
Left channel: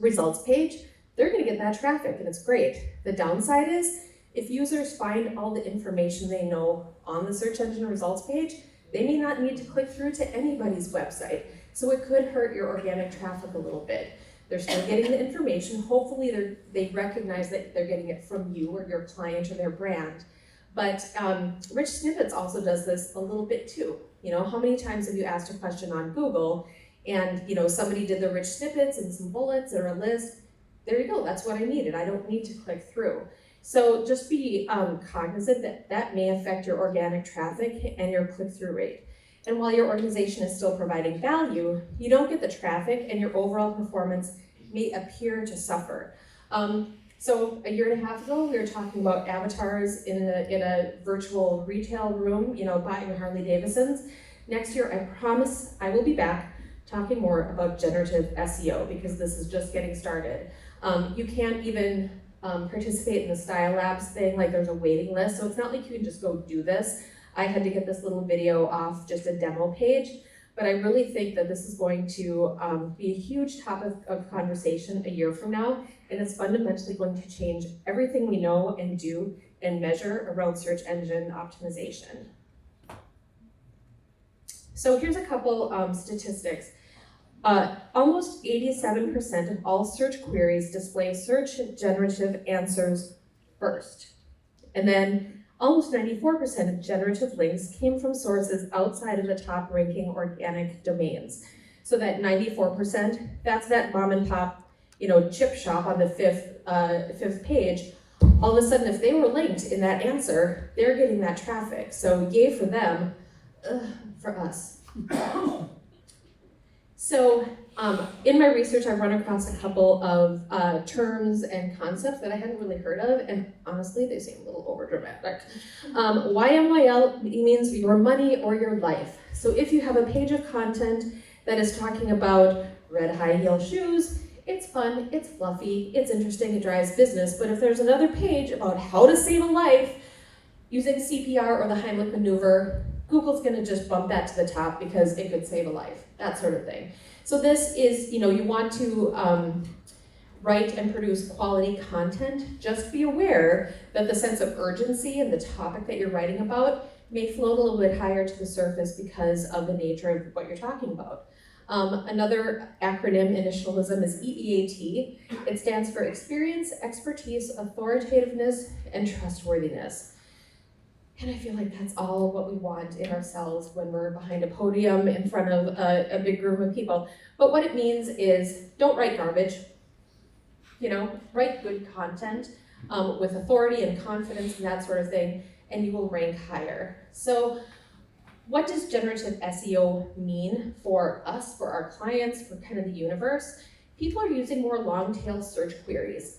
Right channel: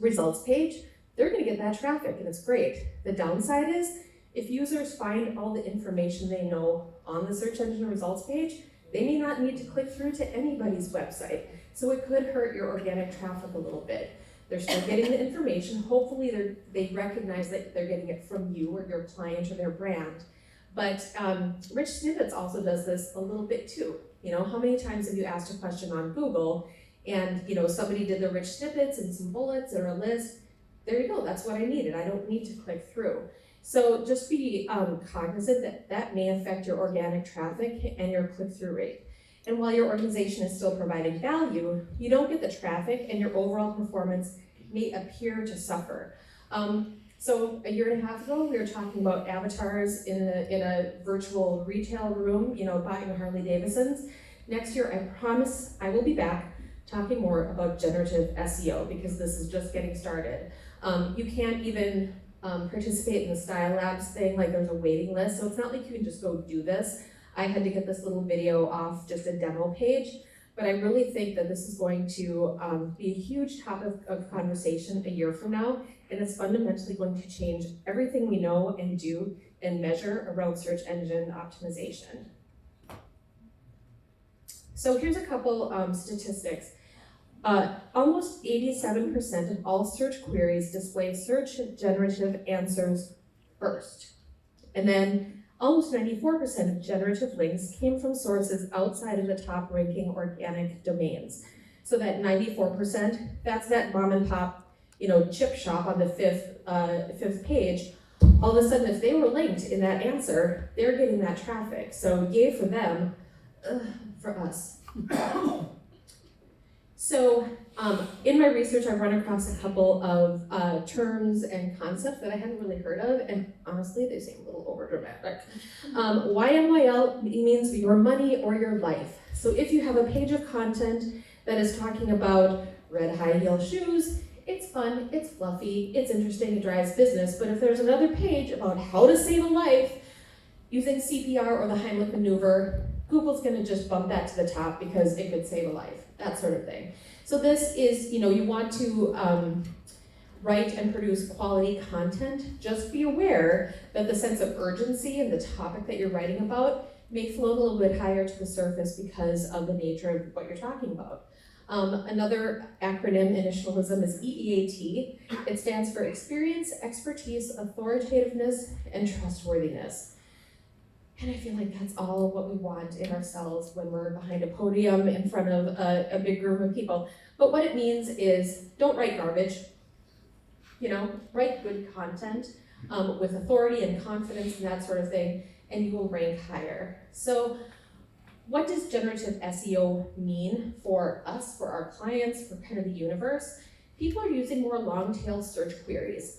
results page, they're gonna get that traffic and it's great. The downside is, if users find all the information they know on the search engine results page, they may not need to click through to anybody's website. So it could hurt your organic traffic a little bit. They're still getting the information. Hopefully they recognize that they're getting it from you or your client or their brand. But Rich Snippets also does this a little bit too. How many times have you asked a question on Google and somebody did the rich snippets and some bullets or a list? There you go, that's what I needed. I don't need to click through. So just be cognizant that that may affect your organic traffic and your click-through rate. And while your organization is still providing value, you don't get the traffic and your overall performance may appear to suffer. So a year and a half ago, we were talking about avatars in a virtual retail room, buying Harley Davidsons. Next year, I promise I will be back talking more about generative SEO because this is just getting started. You can't even participate in the Style Labs thing, like there's a waiting list, so it's not like you can just go do this. I had to get this little video off just a demo page, but I really think that this is going to be a huge topic of conversation a year from now, and it's fundamentally going to change everything we know and do and measure around search engine optimization. So here's a couple statistics. Almost 87% of all search queries display search generative answers first. And then almost 94% of generative links came from sources outside of the top ranking organic domains. So that 94%, that's that mom and pop, chip shop on the fifth page. All of a sudden, if they were linked in that answer, they're getting that traffic. So yay for them, for us. So in my research, I've run across a couple of terms and concepts that I hadn't really heard of, and honestly, they seem a little overdramatic. YMYL means your money or your life. So if you have a page of content that is talking about red high heel shoes, it's fun, it's fluffy, it's interesting, it drives business, but if there's another page about how to save a life using CPR or the Heimlich maneuver, Google's gonna just bump that to the top because it could save a life, that sort of thing. So this is, you want to write and produce quality content. Just be aware that the sense of urgency and the topic that you're writing about may float a little bit higher to the surface because of the nature of what you're talking about. Another acronym initialism is EEAT. It stands for experience, expertise, authoritativeness, and trustworthiness. And I feel like that's all what we want in ourselves when we're behind a podium in front of a big group of people. But what it means is don't write garbage, write good content with authority and confidence and that sort of thing, and you will rank higher. So what does generative SEO mean for us, for our clients, for kind of the universe? People are using more long-tail search queries.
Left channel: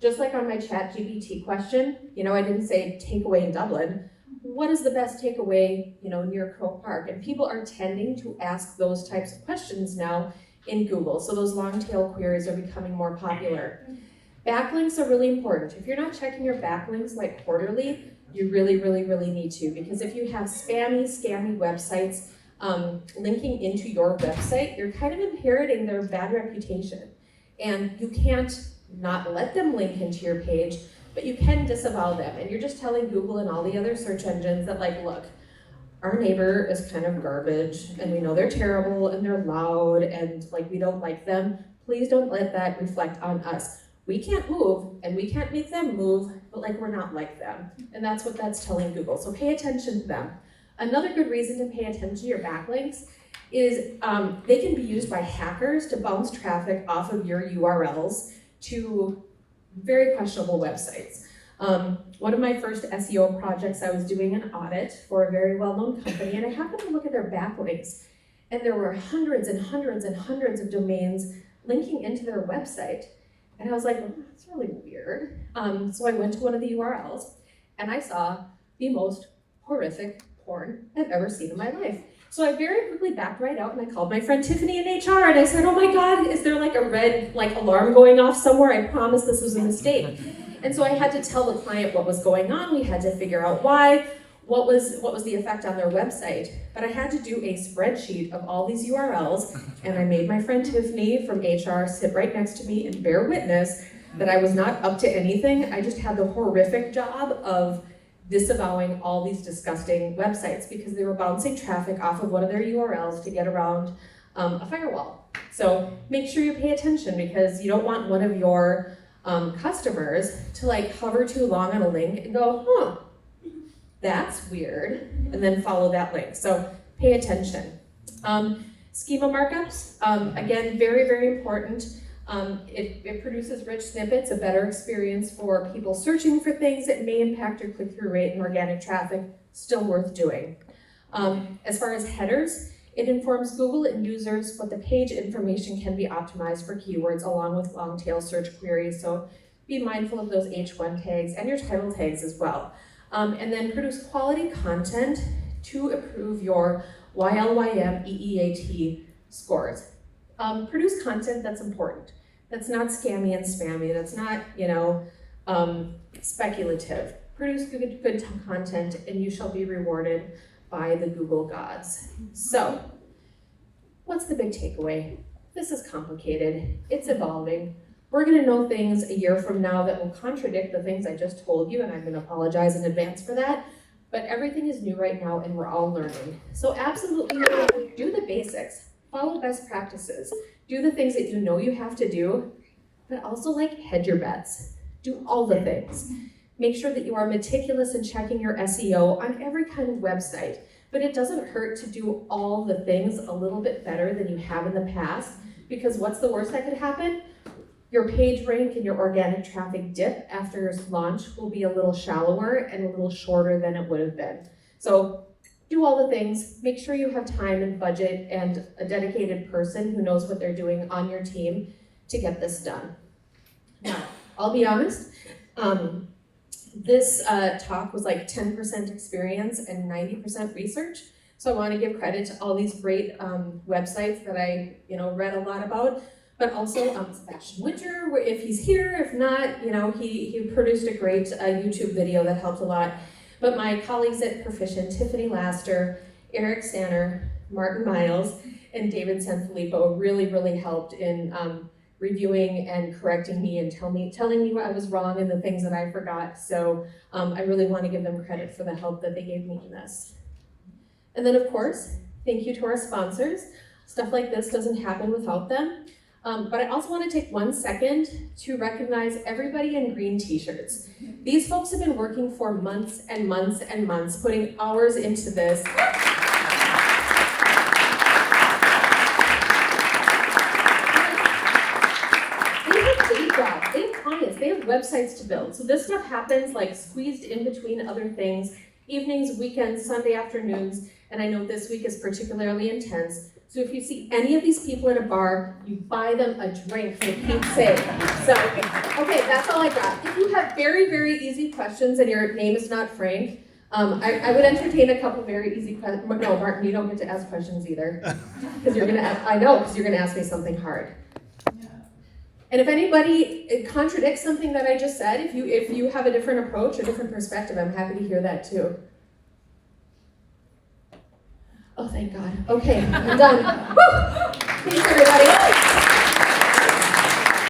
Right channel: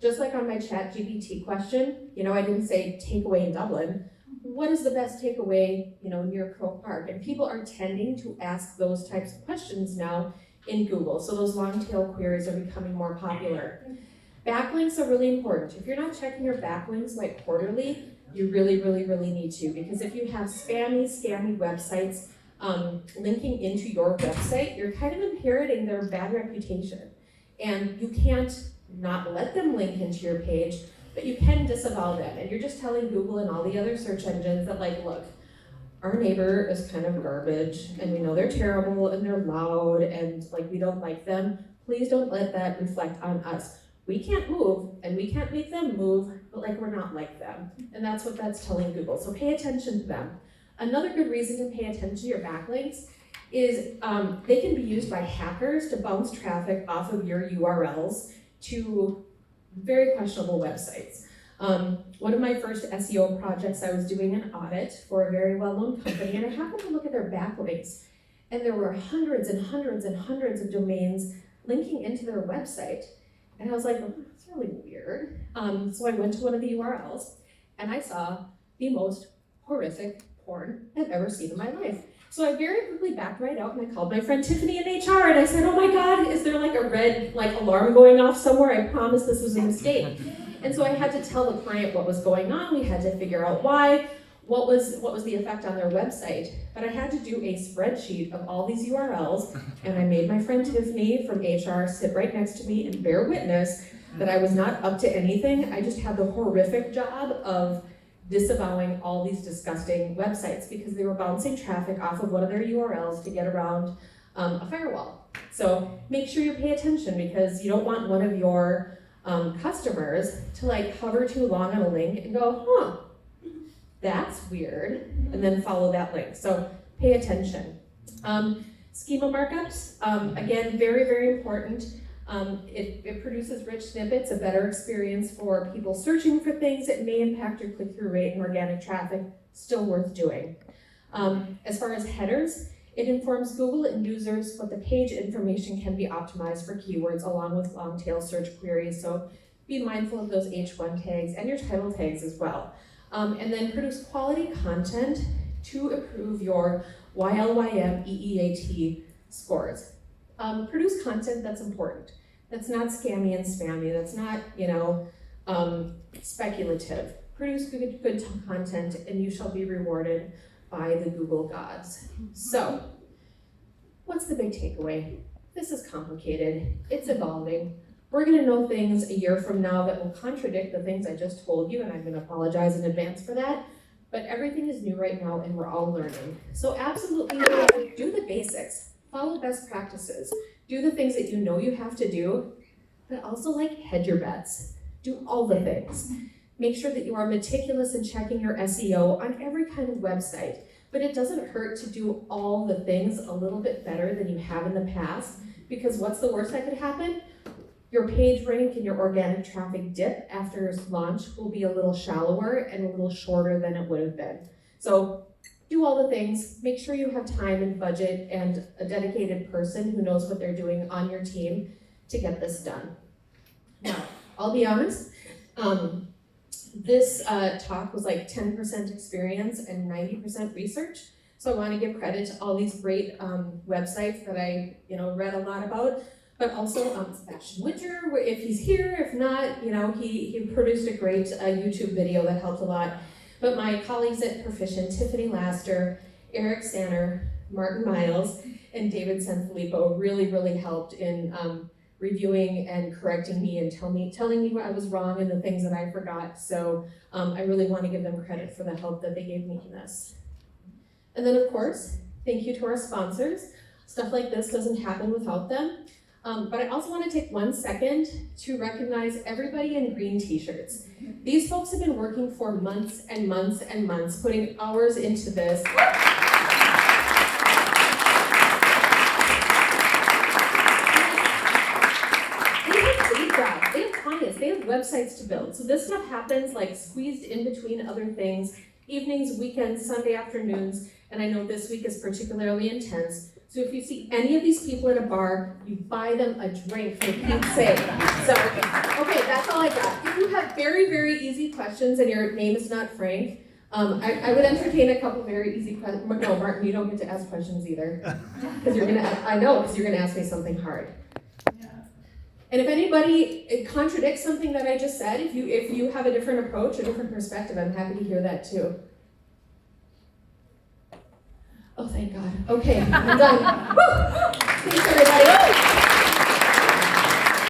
Just like on my ChatGPT question, I didn't say takeaway in Dublin. What is the best takeaway, near Croke Park? And people are tending to ask those types of questions now in Google. So those long-tail queries are becoming more popular. Backlinks are really important. If you're not checking your backlinks like quarterly, you really, really, really need to, because if you have spammy, scammy websites linking into your website, you're kind of inheriting their bad reputation. And you can't not let them link into your page, but you can disavow them. And you're just telling Google and all the other search engines that, like, look, our neighbor is kind of garbage, and we know they're terrible, and they're loud, and like we don't like them. Please don't let that reflect on us. We can't move, and we can't make them move, but like we're not like them. And that's what that's telling Google. So pay attention to them. Another good reason to pay attention to your backlinks is they can be used by hackers to bounce traffic off of your URLs to very questionable websites. One of my first SEO projects, I was doing an audit for a very well-known company, and I happened to look at their backlinks, and there were hundreds and hundreds and hundreds of domains linking into their website. And I was like, oh, that's really weird. So I went to one of the URLs, and I saw the most horrific porn I've ever seen in my life. So I very quickly backed right out, and I called my friend Tiffany in HR, and I said, oh my God, is there like a red alarm going off somewhere? I promise this was a mistake. And so I had to tell the client what was going on. We had to figure out why, what was the effect on their website. But I had to do a spreadsheet of all these URLs, and I made my friend Tiffany from HR sit right next to me and bear witness that I was not up to anything. I just had the horrific job of disavowing all these disgusting websites because they were bouncing traffic off of one of their URLs to get around a firewall. So make sure you pay attention, because you don't want one of your customers to hover too long on a link and go, huh, that's weird, and then follow that link. So pay attention. Schema markups, again, very, very important. It produces rich snippets, a better experience for people searching for things. It may impact your click-through rate and organic traffic, still worth doing. As far as headers, it informs Google and users what the page information can be optimized for keywords along with long-tail search queries. So be mindful of those H1 tags and your title tags as well. And then produce quality content to improve your YLYM EEAT scores. Produce content that's important. That's not scammy and spammy. That's not, speculative. Produce good content, and you shall be rewarded by the Google gods. So, what's the big takeaway? This is complicated. It's evolving. We're gonna know things a year from now that will contradict the things I just told you, and I'm gonna apologize in advance for that. But everything is new right now, and we're all learning. So absolutely do the basics. Follow best practices. Do the things that you know you have to do, but also hedge your bets. Do all the things. Make sure that you are meticulous in checking your SEO on every kind of website, but it doesn't hurt to do all the things a little bit better than you have in the past, because what's the worst that could happen? Your page rank and your organic traffic dip after launch will be a little shallower and a little shorter than it would have been. So do all the things, make sure you have time and budget and a dedicated person who knows what they're doing on your team to get this done. Now, I'll be honest, this talk was 10% experience and 90% research. So I want to give credit to all these great websites that I read a lot about, but also Sebastian Winter, if he's here. If not, he produced a great YouTube video that helped a lot. But my colleagues at Proficient, Tiffany Laster, Eric Stanner, Martin Miles, and David Sanfilippo really, really helped in reviewing and correcting me and telling me what I was wrong and the things that I forgot. So I really want to give them credit for the help that they gave me in this. And then of course, thank you to our sponsors. Stuff like this doesn't happen without them. But I also want to take 1 second to recognize everybody in green t-shirts. These folks have been working for months and months and months, putting hours into this. They have day jobs, they have clients, they have websites to build. So this stuff happens squeezed in between other things, evenings, weekends, Sunday afternoons. and I know this week is particularly intense. So if you see any of these people in a bar, you buy them a drink for Pete's sake. So, okay, that's all I got. If you have very, very easy questions and your name is not Frank, I would entertain a couple very easy questions. No, Martin, you don't get to ask questions either. Because you're gonna ask me something hard. And if anybody contradicts something that I just said, if you have a different approach or different perspective, I'm happy to hear that too. Oh, thank God. Okay, I'm done. Woo! Thanks, everybody.